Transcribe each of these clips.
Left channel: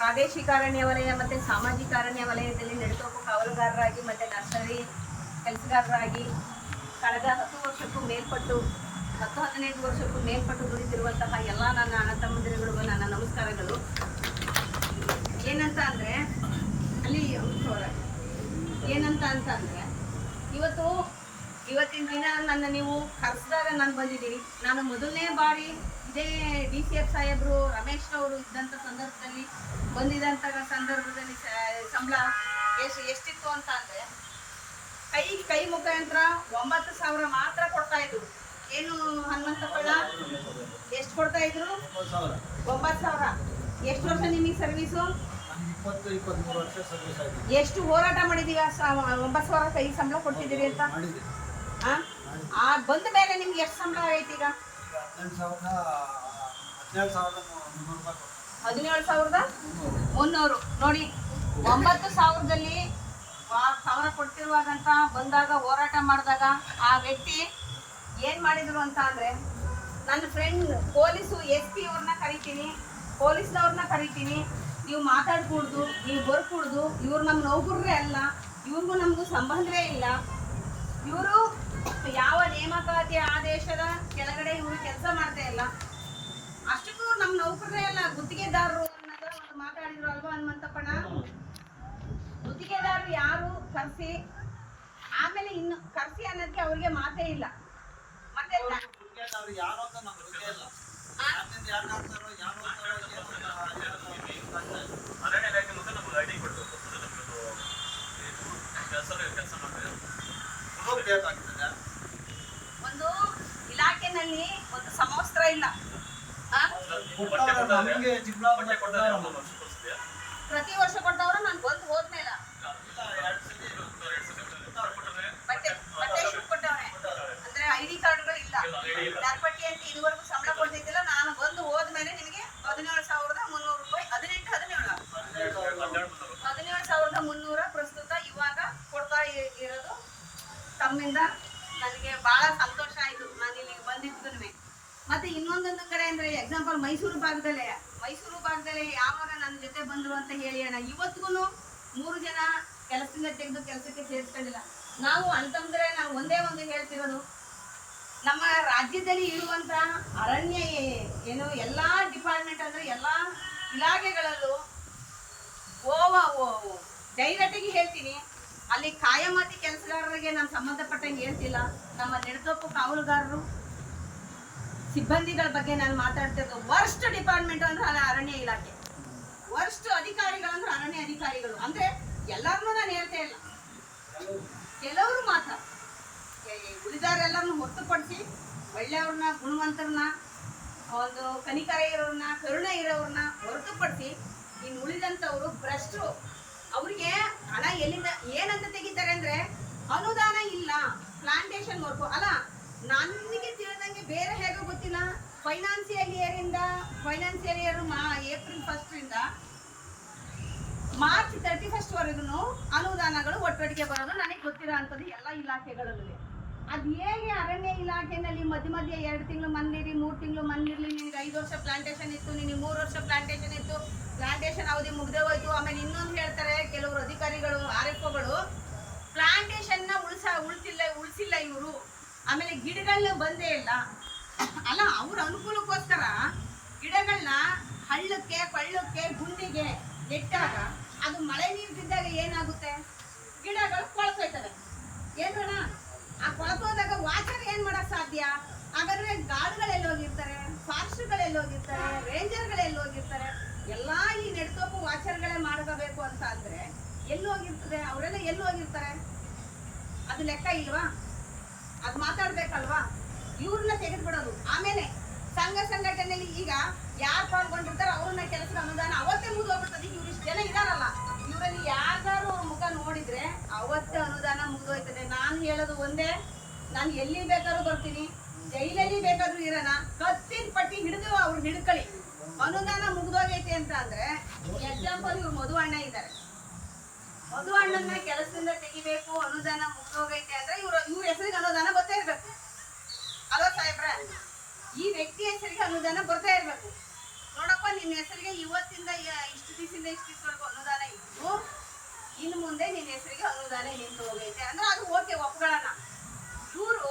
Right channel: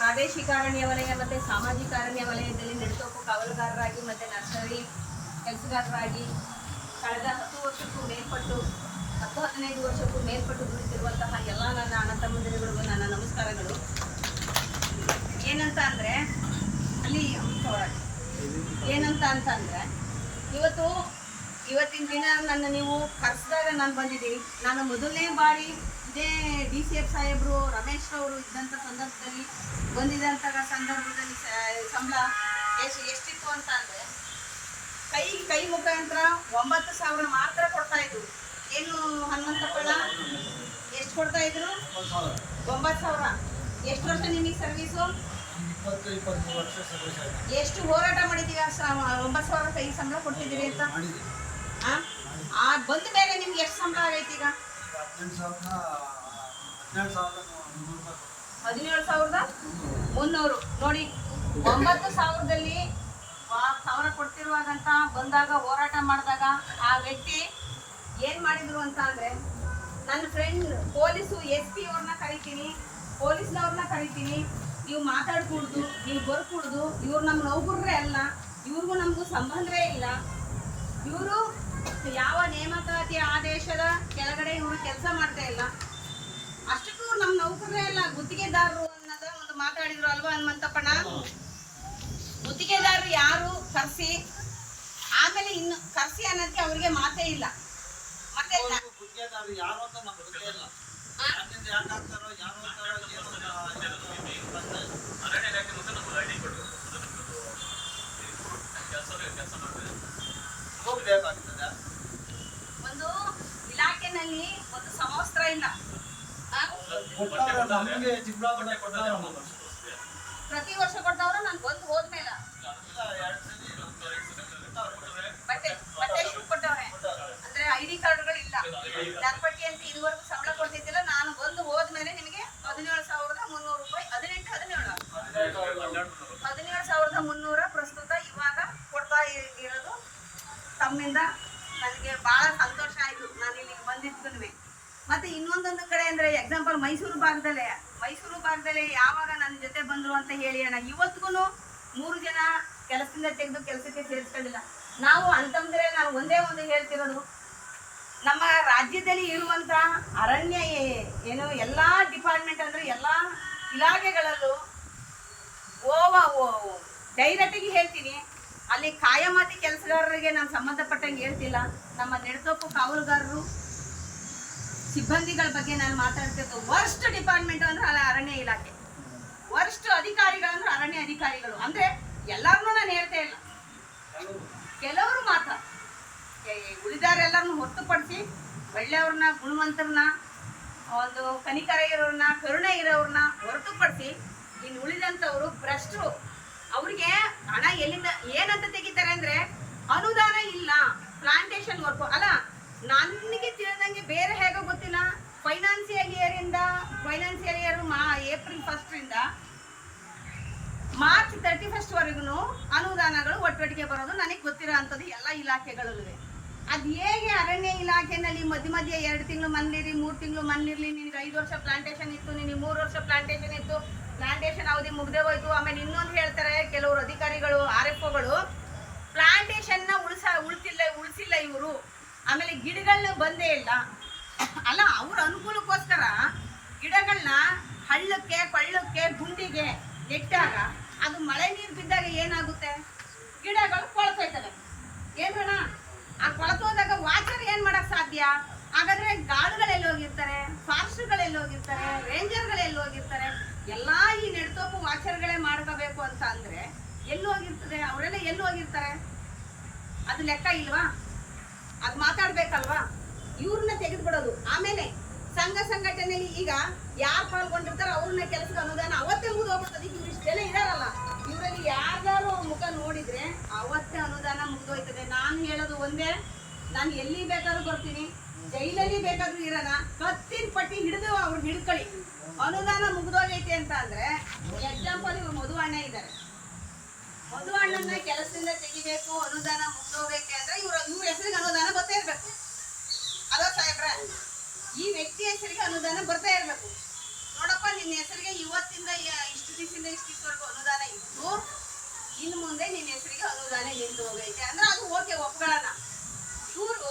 ಪ್ರಾದೇಶಿಕ ಅರಣ್ಯ ವಲಯ ಮತ್ತು ಸಾಮಾಜಿಕ ಅರಣ್ಯ ವಲಯದಲ್ಲಿ ನೆಡುತೋಪು ಕಾವಲುಗಾರರಾಗಿ ಮತ್ತು ನರ್ಸರಿ ಕೆಲಸಗಾರರಾಗಿ ಕಳೆದ ಹತ್ತು ವರ್ಷಕ್ಕೂ ಮೇಲ್ಪಟ್ಟು, ಹತ್ತು ಹದಿನೈದು ವರ್ಷಕ್ಕೂ ಮೇಲ್ಪಟ್ಟು ದುಡಿದಿರುವಂತಹ ಎಲ್ಲ ನನ್ನ ಅಣ್ಣ ತಮ್ಮಂದಿರುಗಳಿಗೂ ನನ್ನ ನಮಸ್ಕಾರಗಳು. ಏನಂತ ಅಂದರೆ, ಅಲ್ಲಿ ಏನಂತ ಅಂತ ಅಂದರೆ ಇವತ್ತು ಇವತ್ತಿನ ದಿನ ನನ್ನ ನೀವು ಕರೆಸಿದಾಗ ನಾನು ಬಂದಿದ್ದೀನಿ. ನಾನು ಮೊದಲನೇ ಬಾರಿ ಇದೇ ಡಿ ಸಿ ಎಫ್ ಸಾಹೇಬರು ರಮೇಶ್ ಅವರು ಇದ್ದಂಥ ಸಂದರ್ಭದಲ್ಲಿ ಬಂದಿದ್ದಂಥ ಸಂದರ್ಭದಲ್ಲಿ ಸಂಬಳ ಎಷ್ಟು ಎಷ್ಟಿತ್ತು ಅಂತ ಅಂದರೆ ಕೈ ಕೈ ಮುಖಾಂತರ ಒಂಬತ್ತು ಸಾವಿರ ಮಾತ್ರ ಕೊಡ್ತಾ ಇದ್ರು. ಏನು ಹನ್ನೊಂದಪ್ಪಣ್ಣ ಎಷ್ಟು ಕೊಡ್ತಾ ಇದ್ರು? ಒಂಬತ್ತು ಸಾವಿರ. ಎಷ್ಟು ವರ್ಷ ನಿಮಗೆ ಸರ್ವೀಸು ಎಷ್ಟು ಹೋರಾಟ ಮಾಡಿದೀವಿ ಒಂಬತ್ತು ಸಾವಿರ ಕೈ ಸಂಬಳ ಕೊಡ್ತಿದ್ದೀರಿ ಅಂತ? ಆ? ಬಂದ ಮೇಲೆ ನಿಮ್ಗೆ ಎಷ್ಟು ಸಂಬಳ ಆಗೈತಿ ಈಗ? ಹದಿನೇಳು ಸಾವಿರದ ಮುನ್ನೂರು. ನೋಡಿ, ಒಂಬತ್ತು ಸಾವಿರದಲ್ಲಿ ಸಾವಿರ ಕೊಡ್ತಿರುವಾಗಂತ ಬಂದಾಗ ಹೋರಾಟ ಮಾಡಿದಾಗ ಆ ವ್ಯಕ್ತಿ ಏನ್ ಮಾಡಿದ್ರು ಅಂತ ಅಂದ್ರೆ, ನನ್ನ ಫ್ರೆಂಡ್ ಪೊಲೀಸು ಎಸ್ ಪಿ ಅವ್ರನ್ನ ಕರಿತೀನಿ, ಪೊಲೀಸ್ನವ್ರನ್ನ ಕರಿತೀನಿ. ನೀವು ಮಾತಾಡ್ಕೂಡ್ದು, ನೀವು ಬರ್ಕೂಡ್ದು, ಇವ್ರು ನಮ್ಮ ನೌಕರರೇ ಅಲ್ಲ, ಇವ್ರಿಗೂ ನಮಗೂ ಸಂಬಂಧವೇ ಇಲ್ಲ. ಇವರು ಯಾವ ನೇಮಕಾತಿ ಆದೇಶದ ಕೆಳಗಡೆ ಇವರು ಕೆಲಸ ಮಾಡ್ತಾ ಇಲ್ಲ? ಅಷ್ಟಕ್ಕೂ ನಮ್ಮ ನೌಕರರೇ ಅಲ್ಲ ಗುತ್ತಿಗೆದಾರರು ಅನ್ನೋದ ಒಂದು ಮಾತಾಡಿದ್ರು ಅಲ್ವಾ ಹನುಮಂತಪ್ಪಣ ಗುತ್ತಿಗೆದಾರರು ಯಾರು? ಕರ್ಸಿ. ಆಮೇಲೆ ಇನ್ನು ಕರ್ಸಿ ಅನ್ನೋದಕ್ಕೆ ಅವ್ರಿಗೆ ಮಾತೇ ಇಲ್ಲ. ಮತ್ತೆ ಕೆಲಸ ಮಾಡ್ತೀವಿ ಇಲಾಖೆನಲ್ಲಿ ಒಂದು ಸಮವಸ್ತ್ರ ಇಲ್ಲ. ಪ್ರತಿ ವರ್ಷ ಕೊಡ್ತಾವ್ರ ನಾನು ಬಂದು ಹೋದ್ಮೇಲೆ. ಬಟ್ಟೆ ಬಟ್ಟೆ ಕೊಟ್ಟವ್ರೆ ಅಂದ್ರೆ ಐ ಡಿ ಕಾರ್ಡ್ಗಳು ಇಲ್ಲ ನರ್ಪಟ್ಟಿ ಅಂತ ಇದುವರೆಗೂ ಸಂಬಳ ಕೊಡ್ತಿದ್ದಿಲ್ಲ ನಾನು ಬಂದು ಹೋದ್ಮೇಲೆ ನಿಮಗೆ ಹದಿನೇಳು ಸಾವಿರದ ಮುನ್ನೂರು ರೂಪಾಯಿ ಹದಿನೆಂಟು ಹದಿನೇಳು. ಹದಿನೇಳು ಸಾವಿರದ ಮುನ್ನೂರ ಪ್ರಸ್ತುತ ಇವಾಗ ಕೊಡ್ತಾ ಇರೋದು ತಮ್ಮಿಂದ ಎಕ್ಸಾಂಪಲ್ ಮೈಸೂರು ಭಾಗದಲ್ಲೇ. ಮೈಸೂರು ಭಾಗದಲ್ಲಿ ಯಾವಾಗ ನನ್ನ ಜೊತೆ ಬಂದರು ಅಂತ ಹೇಳಿ ಅಣ್ಣ ಇವತ್ತಿಗೂ ಮೂರು ಜನ ಕೆಲಸದಿಂದ ತೆಗೆದು ಕೆಲಸಕ್ಕೆ ಸೇರಿಸ್ಕೊಂಡಿಲ್ಲ. ನಾವು ಅಂತಂದ್ರೆ ನಾನು ಒಂದೇ ಒಂದು ಹೇಳ್ತಿರೋದು, ನಮ್ಮ ರಾಜ್ಯದಲ್ಲಿ ಇರುವಂತ ಅರಣ್ಯ ಏನು ಎಲ್ಲಾ ಡಿಪಾರ್ಟ್ಮೆಂಟ್ ಅಂದ್ರೆ ಎಲ್ಲಾ ಇಲಾಖೆಗಳಲ್ಲೂ ಓವ ಡೈರೆಕ್ಟಾಗಿ ಹೇಳ್ತೀನಿ. ಅಲ್ಲಿ ಕಾಯಮಾತಿ ಕೆಲಸಗಾರರಿಗೆ ನಾನು ಸಂಬಂಧಪಟ್ಟಂಗೆ ಹೇಳ್ತಿಲ್ಲ. ನಮ್ಮ ನೆಡತೋಪು ಕಾವಲುಗಾರರು ಸಿಬ್ಬಂದಿಗಳ ಬಗ್ಗೆ ನಾನು ಮಾತಾಡ್ತಿರೋದು ವರ್ಸ್ಟ್ ಡಿಪಾರ್ಟ್ಮೆಂಟ್ ಅಂದ್ರೆ ಅರಣ್ಯ ಇಲಾಖೆ. ವರ್ಸ್ಟ್ ಅಧಿಕಾರಿಗಳು ಅಂದ್ರೆ ಅರಣ್ಯ ಅಧಿಕಾರಿಗಳು. ಅಂದ್ರೆ ಎಲ್ಲರನ್ನೂ ನಾನು ಹೇಳ್ತಾ ಇಲ್ಲ. ಕೆಲವರು ಮಾತ್ರ. ಉಳಿದಾರೆಲ್ಲರನ್ನು ಹೊರತುಪಡಿಸಿ ಒಳ್ಳೆಯವ್ರನ್ನ, ಗುಣವಂತರನ್ನ ಒಂದು ಕನಿಕರ ಇರೋರನ್ನ ಕರುಣೆ ಇರೋರನ್ನ ಹೊರತುಪಡಿಸಿ ಇನ್ನು ಉಳಿದಂಥವ್ರು ಭ್ರಷ್ಟರು. ಅವ್ರಿಗೆ ಹಣ ಎಲ್ಲಿಂದ ಏನಂತ ತೆಗಿತಾರೆ ಅಂದ್ರೆ ಅನುದಾನ ಇಲ್ಲ. ಪ್ಲಾಂಟೇಶನ್ ವರ್ಕು ಅಲ್ಲ ನನಗೆ ತಿಳಿದಂಗೆ ಬೇರೆ ಹೇಗೋ ಗೊತ್ತಿಲ್ಲ. ಫೈನಾನ್ಸಿಯಲ್ ಇಂದ ಫೈನಾನ್ಸಿಯಲ್ ಇಯರ್ ಮಾ ಏಪ್ರಿಲ್ ಫಸ್ಟ್ ಇಂದ ಮಾರ್ಚ್ ತರ್ಟಿ ಫಸ್ಟ್ ವರೆಗೂ ಅನುದಾನಗಳು ಒಟ್ಟೊಟ್ಟಿಗೆ ಬರೋದು ನನಗೆ ಗೊತ್ತಿರೋ ಅಂಥದ್ದು ಎಲ್ಲ ಇಲಾಖೆಗಳಲ್ಲೂ ಅದು ಹೇಗೆ ಅರಣ್ಯ ಇಲಾಖೆನಲ್ಲಿ ಮಧ್ಯ ಮಧ್ಯೆ ಎರಡು ತಿಂಗಳು ಮನ್ಲಿರಿ ಮೂರು ತಿಂಗಳು ಮನ್ಲಿರ್ಲಿ ನಿನಗೆ ಐದು ವರ್ಷ ಪ್ಲಾಂಟೇಶನ್ ಇತ್ತು, ನಿನಗೆ ಮೂರು ವರ್ಷ ಪ್ಲಾಂಟೇಶನ್ ಇತ್ತು ಪ್ಲಾಂಟೇಶನ್ ಅವಧಿ ಮುಗ್ದೇ ಹೋಯ್ತು. ಆಮೇಲೆ ಇನ್ನೊಂದು ಹೇಳ್ತಾರೆ, ಕೆಲವರು ಅಧಿಕಾರಿಗಳು, ಆರ್ ಎಫ್ ಒಗಳು ಪ್ಲಾಂಟೇಶನ್ನ ಉಳಿಸ ಉಳಿಸಿಲ್ಲ ಉಳಿಸಿಲ್ಲ ಇವರು. ಆಮೇಲೆ ಗಿಡಗಳನ್ನ ಬಂದೇ ಇಲ್ಲ. ಅಲ್ಲ, ಅವ್ರ ಅನುಕೂಲಕ್ಕೋಸ್ಕರ ಗಿಡಗಳನ್ನ ಹಳ್ಳಕ್ಕೆ ಕೊಳ್ಳಕ್ಕೆ ಗುಂಡಿಗೆ ನೆಟ್ಟಾಗ ಅದು ಮಳೆ ನೀರು ಬಿದ್ದಾಗ ಏನಾಗುತ್ತೆ? ಗಿಡಗಳು ಕೊಳತೋಯ್ತವೆ ಏನ್ರಣ ಆ ಕೊಳತೋದಾಗ ವಾಚರ್ ಏನು ಮಾಡಕ್ ಸಾಧ್ಯ? ಹಾಗಾದ್ರೆ ಗಾಡುಗಳೆಲ್ಲ ಹೋಗಿರ್ತಾರೆ, ಫಾರೆಸ್ಟ್ಗಳೆಲ್ಲ ಹೋಗಿರ್ತಾರೆ, ರೇಂಜರ್ಗಳೆಲ್ಲ ಹೋಗಿರ್ತಾರೆ, ಎಲ್ಲಾ ಈ ನೆಡ್ತೋಪು ವಾಚರ್ಗಳೇ ಮಾಡ್ಕೋಬೇಕು ಅಂತ ಅಂದ್ರೆ ಎಲ್ಲಿ ಹೋಗಿರ್ತದೆ? ಅವರೆಲ್ಲ ಎಲ್ಲಿ ಹೋಗಿರ್ತಾರೆ? ಅದು ಲೆಕ್ಕ ಇಲ್ವಾ? ಅದು ಮಾತಾಡ್ಬೇಕಲ್ವಾ? ಇವ್ರನ್ನ ತೆಗೆದ್ಬಿಡೋದು. ಆಮೇಲೆ ಸಂಘ ಸಂಘಟನೆಯಲ್ಲಿ ಈಗ ಯಾರು ಪಾಲ್ಗೊಂಡಿರ್ತಾರೋ ಅವ್ರನ್ನ ಕೆಲಸದ ಅನುದಾನ ಅವತ್ತೇ ಮುಗಿದು ಹೋಗ್ಬಿಡ್ತದೆ ಈಗ ಇವ್ರು ಇಷ್ಟು ಜನ ಇದಾರಲ್ಲ, ಇವರಲ್ಲಿ ಯಾರ್ದಾರು ಅವ್ರ ಮುಖ ನೋಡಿದ್ರೆ ಅವತ್ತೇ ಅನುದಾನ ಮುಗಿದೋಯ್ತದೆ. ನಾನು ಹೇಳೋದು ಒಂದೇ, ನಾನು ಎಲ್ಲಿ ಬೇಕಾದ್ರೂ ಬರ್ತೀನಿ, ಜೈಲಲ್ಲಿ ಬೇಕಾದ್ರೂ ಇರೋಣ ಕತ್ತಿನ ಪಟ್ಟಿ ಹಿಡಿದು ಅವ್ರು ಹಿಡ್ಕೊಳ್ಳಿ. ಅನುದಾನ ಮುಗಿದೋಗೈತೆ ಅಂತ ಅಂದ್ರೆ ಎಕ್ಸಾಂಪಲ್ ಇವ್ರು ಮಧು ಅಣ್ಣ ಇದ್ದಾರೆ ಮಧು ಅಣ್ಣನ ಕೆಲಸದಿಂದ ತೆಗಿಬೇಕು, ಅನುದಾನ ಮುಗಿದೋಗೈತೆ ಅಂದ್ರೆ ಇವ್ರ ಇವ್ರ ಹೆಸರಿಗೆ ಅನುದಾನ ಬರ್ತಾ ಇರ್ಬೇಕು. ಅಲೋ ಸಾಹೇಬ್ರ? ಈ ವ್ಯಕ್ತಿ ಹೆಸರಿಗೆ ಅನುದಾನ ಬರ್ತಾ ಇರ್ಬೇಕು. ನೋಡಪ್ಪ, ನಿನ್ನ ಹೆಸರಿಗೆ ಇವತ್ತಿಂದ ಇಷ್ಟು ದಿವಸದಿಂದ ಇಷ್ಟು ದಿವಸವರೆಗೂ ಅನುದಾನ ಇದ್ದು ಇನ್ನು ಮುಂದೆ ನಿನ್ನ ಹೆಸರಿಗೆ ಅನುದಾನ ನಿಂತು ಹೋಗೈತೆ ಅಂದ್ರೆ ಅದು ಓಕೆ ಒಪ್ಕೊಳ್ಳೋಣ ಇವರು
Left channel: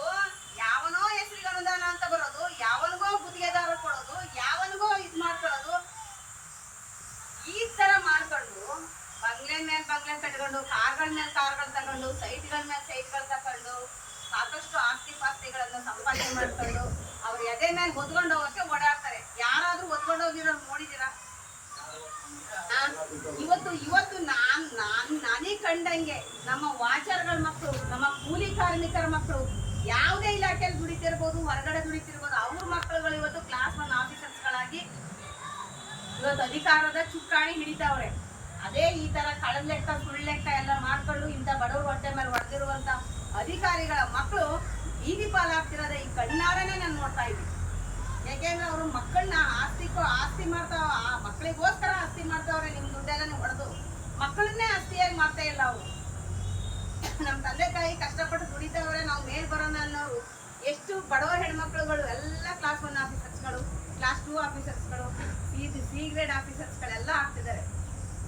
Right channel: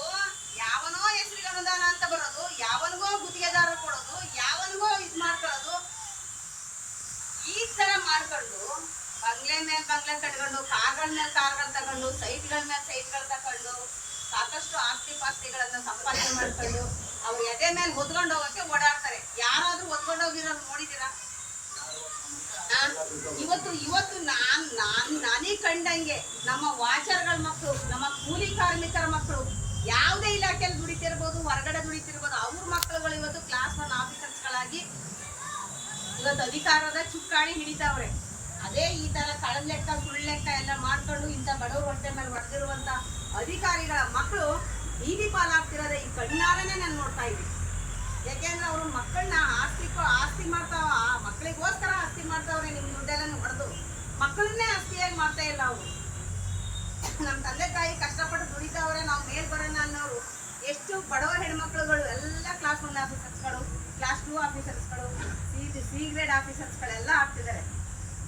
ಯಾವನೋ ಹೆಸರಿಗೆ ಅನುದಾನ ಅಂತ ಬರೋದು, ಯಾವನಿಗೋ ಗುತ್ತಿಗೆದಾರ ಕೊಡೋದು, ಯಾವನಿಗೋ ಇದ್ ಮಾಡ್ಕೊಳ್ಳೋದು ಈ ತರ ಮಾಡ್ಕೊಂಡು ಮೇಲೆ ಕಟ್ಕೊಂಡು, ಕಾರ್ಗಳ ಮೇಲೆ ಕಾರ್ಗಳು ತಗೊಂಡು, ಸೈಟ್ಗಳ ಮೇಲೆ ಸೈಟ್ಗಳು ತಗೊಂಡು ಸಾಕಷ್ಟು ಆಸ್ತಿ ಪಾಸ್ತಿಗಳನ್ನ ಸಂಪಾದನೆ ಮಾಡ್ಕೊಂಡು ಅವ್ರ ಎದೆ ಮೇಲೆ ಹೊತ್ಕೊಂಡು ಹೋಗಕ್ಕೆ ಓಡಾಡ್ತಾರೆ. ಯಾರಾದ್ರೂ ಹೊತ್ಕೊಂಡು ಹೋಗಿರೋ ನೋಡಿದಿರಾ ಇವತ್ತು ಇವತ್ತು ನಾನ್ ನಾನ್, ನಾನೇ ಕಂಡಂಗೆ ನಮ್ಮ ವಾಚರ್ಗಳ ಮಕ್ಕಳು ನಮ್ಮ ಕೂಲಿ ಕಾರ್ಮಿಕರ ಮಕ್ಕಳು ಯಾವುದೇ ಇಲಾಖೆಯಲ್ಲಿ ದುಡಿತಿರ್ಬೋದು, ಹೊರಗಡೆ ದುಡಿತಿರ್ಬೋದು, ಅವ್ರ ಮಕ್ಕಳುಗಳು ಇವತ್ತು ಕ್ಲಾಸ್ ಒನ್ ಆಫೀಸರ್ಸ್ಗಳಾಗಿ ಇವತ್ತು ಅಧಿಕಾರದ ಚುಕ್ಕಾಣಿ ಹಿಡಿತಾವ್ರೆ. ಅದೇ ಈ ತರ ಕಳದ ಲೆಕ್ಕ, ಸುಳ್ಳು ಲೆಕ್ಕ ಎಲ್ಲ ಮಾಡ್ಕೊಂಡು ಇಂಥ ಬಡವ್ರ ಹೊಟ್ಟೆ ಮೇಲೆ ಹೊಡೆದಿರುವಂತ ಅಧಿಕಾರಿಗಳ ಮಕ್ಕಳು ಬೀದಿ ಪಾಲಾಗ್ತಿರೋದೆ ಈ ಕಣ್ಣಾರನೆ ನಾನು ನೋಡ್ತಾ ಇದ್ದೀನಿ. ಯಾಕೆಂದ್ರೆ ಅವರು ಮಕ್ಕಳನ್ನ ಆಸ್ತಿಕೋ ಆಸ್ತಿ ಮಾಡ್ತಾವ ಆ ಮಕ್ಕಳಿಗೋಸ್ಕರ ಆಸ್ತಿ ಮಾಡ್ತಾವ್ರೆ ನಿಮ್ ದುಡ್ಡೆಲ್ಲ ಹೊಡೆದು. ಮಕ್ಕಳನ್ನೇ ಆಸ್ತಿಯಾಗಿ ಮಾಡ್ತಾ ಇಲ್ಲ ಅವರು. ನಮ್ಮ ತಂದೆ ತಾಯಿ ಕಷ್ಟಪಟ್ಟು ದುಡಿತಾವ್ರೆ, ನಾವು ಮೇಲ್ ಬರೋಣ ಅನ್ನೋರು. ಎಷ್ಟು ಬಡವ ಹೆಣ್ಮಕ್ಳುಗಳು, ಎಲ್ಲ ಕ್ಲಾಸ್ ಒನ್ ಆಫೀಸರ್ಸ್ಗಳು ಕ್ಲಾಸ್ ಟೂ ಆಫೀಸರ್ಸ್ಗಳು ಸಿ ಗ್ರೇಡ್ ಆಫೀಸರ್ಸ್ಗಳೆಲ್ಲ ಆಗ್ತಿದ್ದಾರೆ.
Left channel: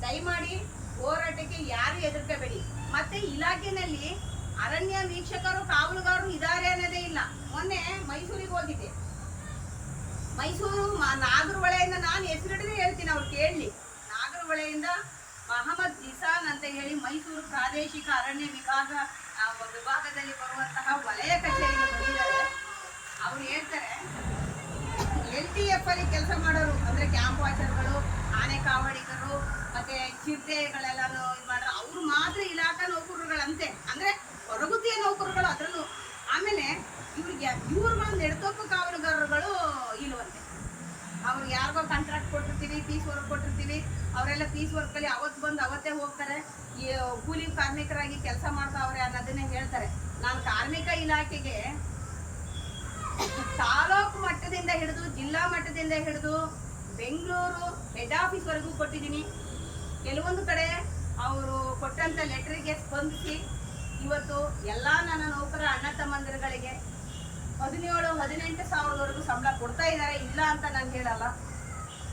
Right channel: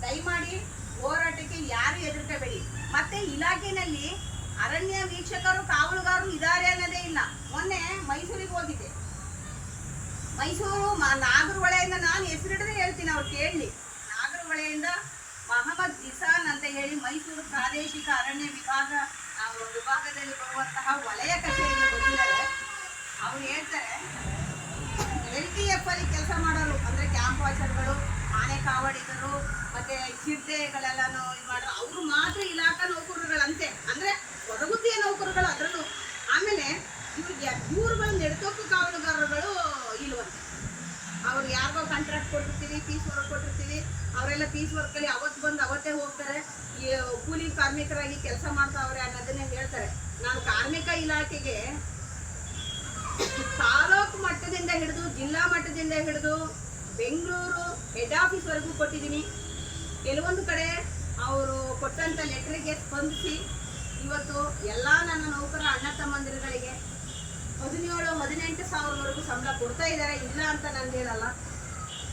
ದಯಮಾಡಿ ಹೋರಾಟಕ್ಕೆ ಯಾರು ಹೆದರ್ಕೋಬೇಡಿ. ಮತ್ತೆ ಇಲಾಖೆನಲ್ಲಿ ಅರಣ್ಯ ವೀಕ್ಷಕರು, ಕಾವಲುಗಾರರು ಇದ್ದಾರೆ ಅನ್ನೋದೇ ಇಲ್ಲ. ಮೊನ್ನೆ ಮೈಸೂರಿಗೆ ಹೋಗಿದ್ದೆ. ಮೈಸೂರು ನಾಗರ ಹೊಳೆಯಿಂದ ನಾನು ಹೆಸರಿಡದೆ ಹೇಳ್ತೀನಿ ಅವ್ರು ಕೇಳಲಿ ನಾಗರಹೊಳೆಯಿಂದ ಮಹಮ್ಮದ್ ಜಿಸಾನ್ ಅಂತ ಹೇಳಿ ಮೈಸೂರು ಪ್ರಾದೇಶಿಕ ಅರಣ್ಯ ವಿಭಾಗ ವಿಭಾಗದಲ್ಲಿ ಬರುವಂತಹ ವಲಯ ಕಚೇರಿ ಅವ್ರು ಹೇಳ್ತಾರೆ ಅಲ್ಲಿ ಕೆಲಸ ಮಾಡೋರು, ಅಂದ್ರೆ ಕ್ಯಾಂಪ್ ವಾಚರ್ಗಳು ಆನೆ ಕಾವಡಿಗರು, ಮತ್ತೆ ಚಿರತೆಗಳೆಲ್ಲನೂ ಇದು ಮಾಡೋರು ಅವ್ರು ಮಾತ್ರ ಇಲಾಖಾ ನೌಕರರುಗಳಂತೆ. ಅಂದ್ರೆ ಹೊರಗುತ್ತಿಯ ನೌಕರರುಗಳು ಅದರಲ್ಲೂ. ಆಮೇಲೆ ಇವ್ರಿಗೆ ಇವ್ರುಗಳು ನೆಡ್ತೋಕು ಕಾವಲುಗಾರರುಗಳು ಇಲ್ವಂತೆ. ಅವ್ರಿಗೆ ಯಾರಿಗೋ ಕಾಂಟ್ರಾಕ್ಟ್ ಕೊಟ್ಟಿರ್ತೀವಿ ಪೀಸ್ ವರ್ಕ್ ಕೊಟ್ಟಿರ್ತೀವಿ, ಅವರೆಲ್ಲ ಪೀಸ್ ವರ್ಕಲ್ಲಿ ಅವತ್ತು ಬಂದು ಅವತ್ತೇ ಹೋಗ್ತಾರೆ. ಈ ಕೂಲಿ ಕಾರ್ಮಿಕರಾಗಿ ಕೆಲಸ ಮಾಡ್ತಾವ್ರೆ ಅನ್ನೋದನ್ನೇ ಹೇಳ್ತಾರೆ. ನಾನು ಕಾರ್ಮಿಕ ಇಲಾಖೆಗೆ ತಾಲೂಕು ಮಟ್ಟದಿಂದ ಹಿಡಿದು ಜಿಲ್ಲಾ ಮಟ್ಟದಿಂದ ಹಿಡಿದು ಬೆಂಗಳೂರು ಹೆಡ್ ಆಫೀಸ್ ವರೆಗೂ ಕೊಟ್ಟಿದ್ದೀನಿ. ಕೆಲವೊಂದು ಕಡೆ ಅವರು ಕೊಟ್ಟಂತ ಲೆಟರ್ಗೆ ಸ್ಪಂದಿಸಿ ಇವತ್ತು ಎಲ್ಲ ನನ್ನ ನೌಕರ ಅಣ್ಣ ತಮ್ಮಂದಿರುಗಳಿಗೆ ಹದಿನೇಳು ಹದಿನೆಂಟು ಸಾವಿರವರೆಗೂ ಸಂಬಳ ಕೊಡ್ತಾ ಇದ್ದಾರೆ ಇಲ್ಲ ಅಂತ ನಾನು ಹೇಳಲ್ಲ.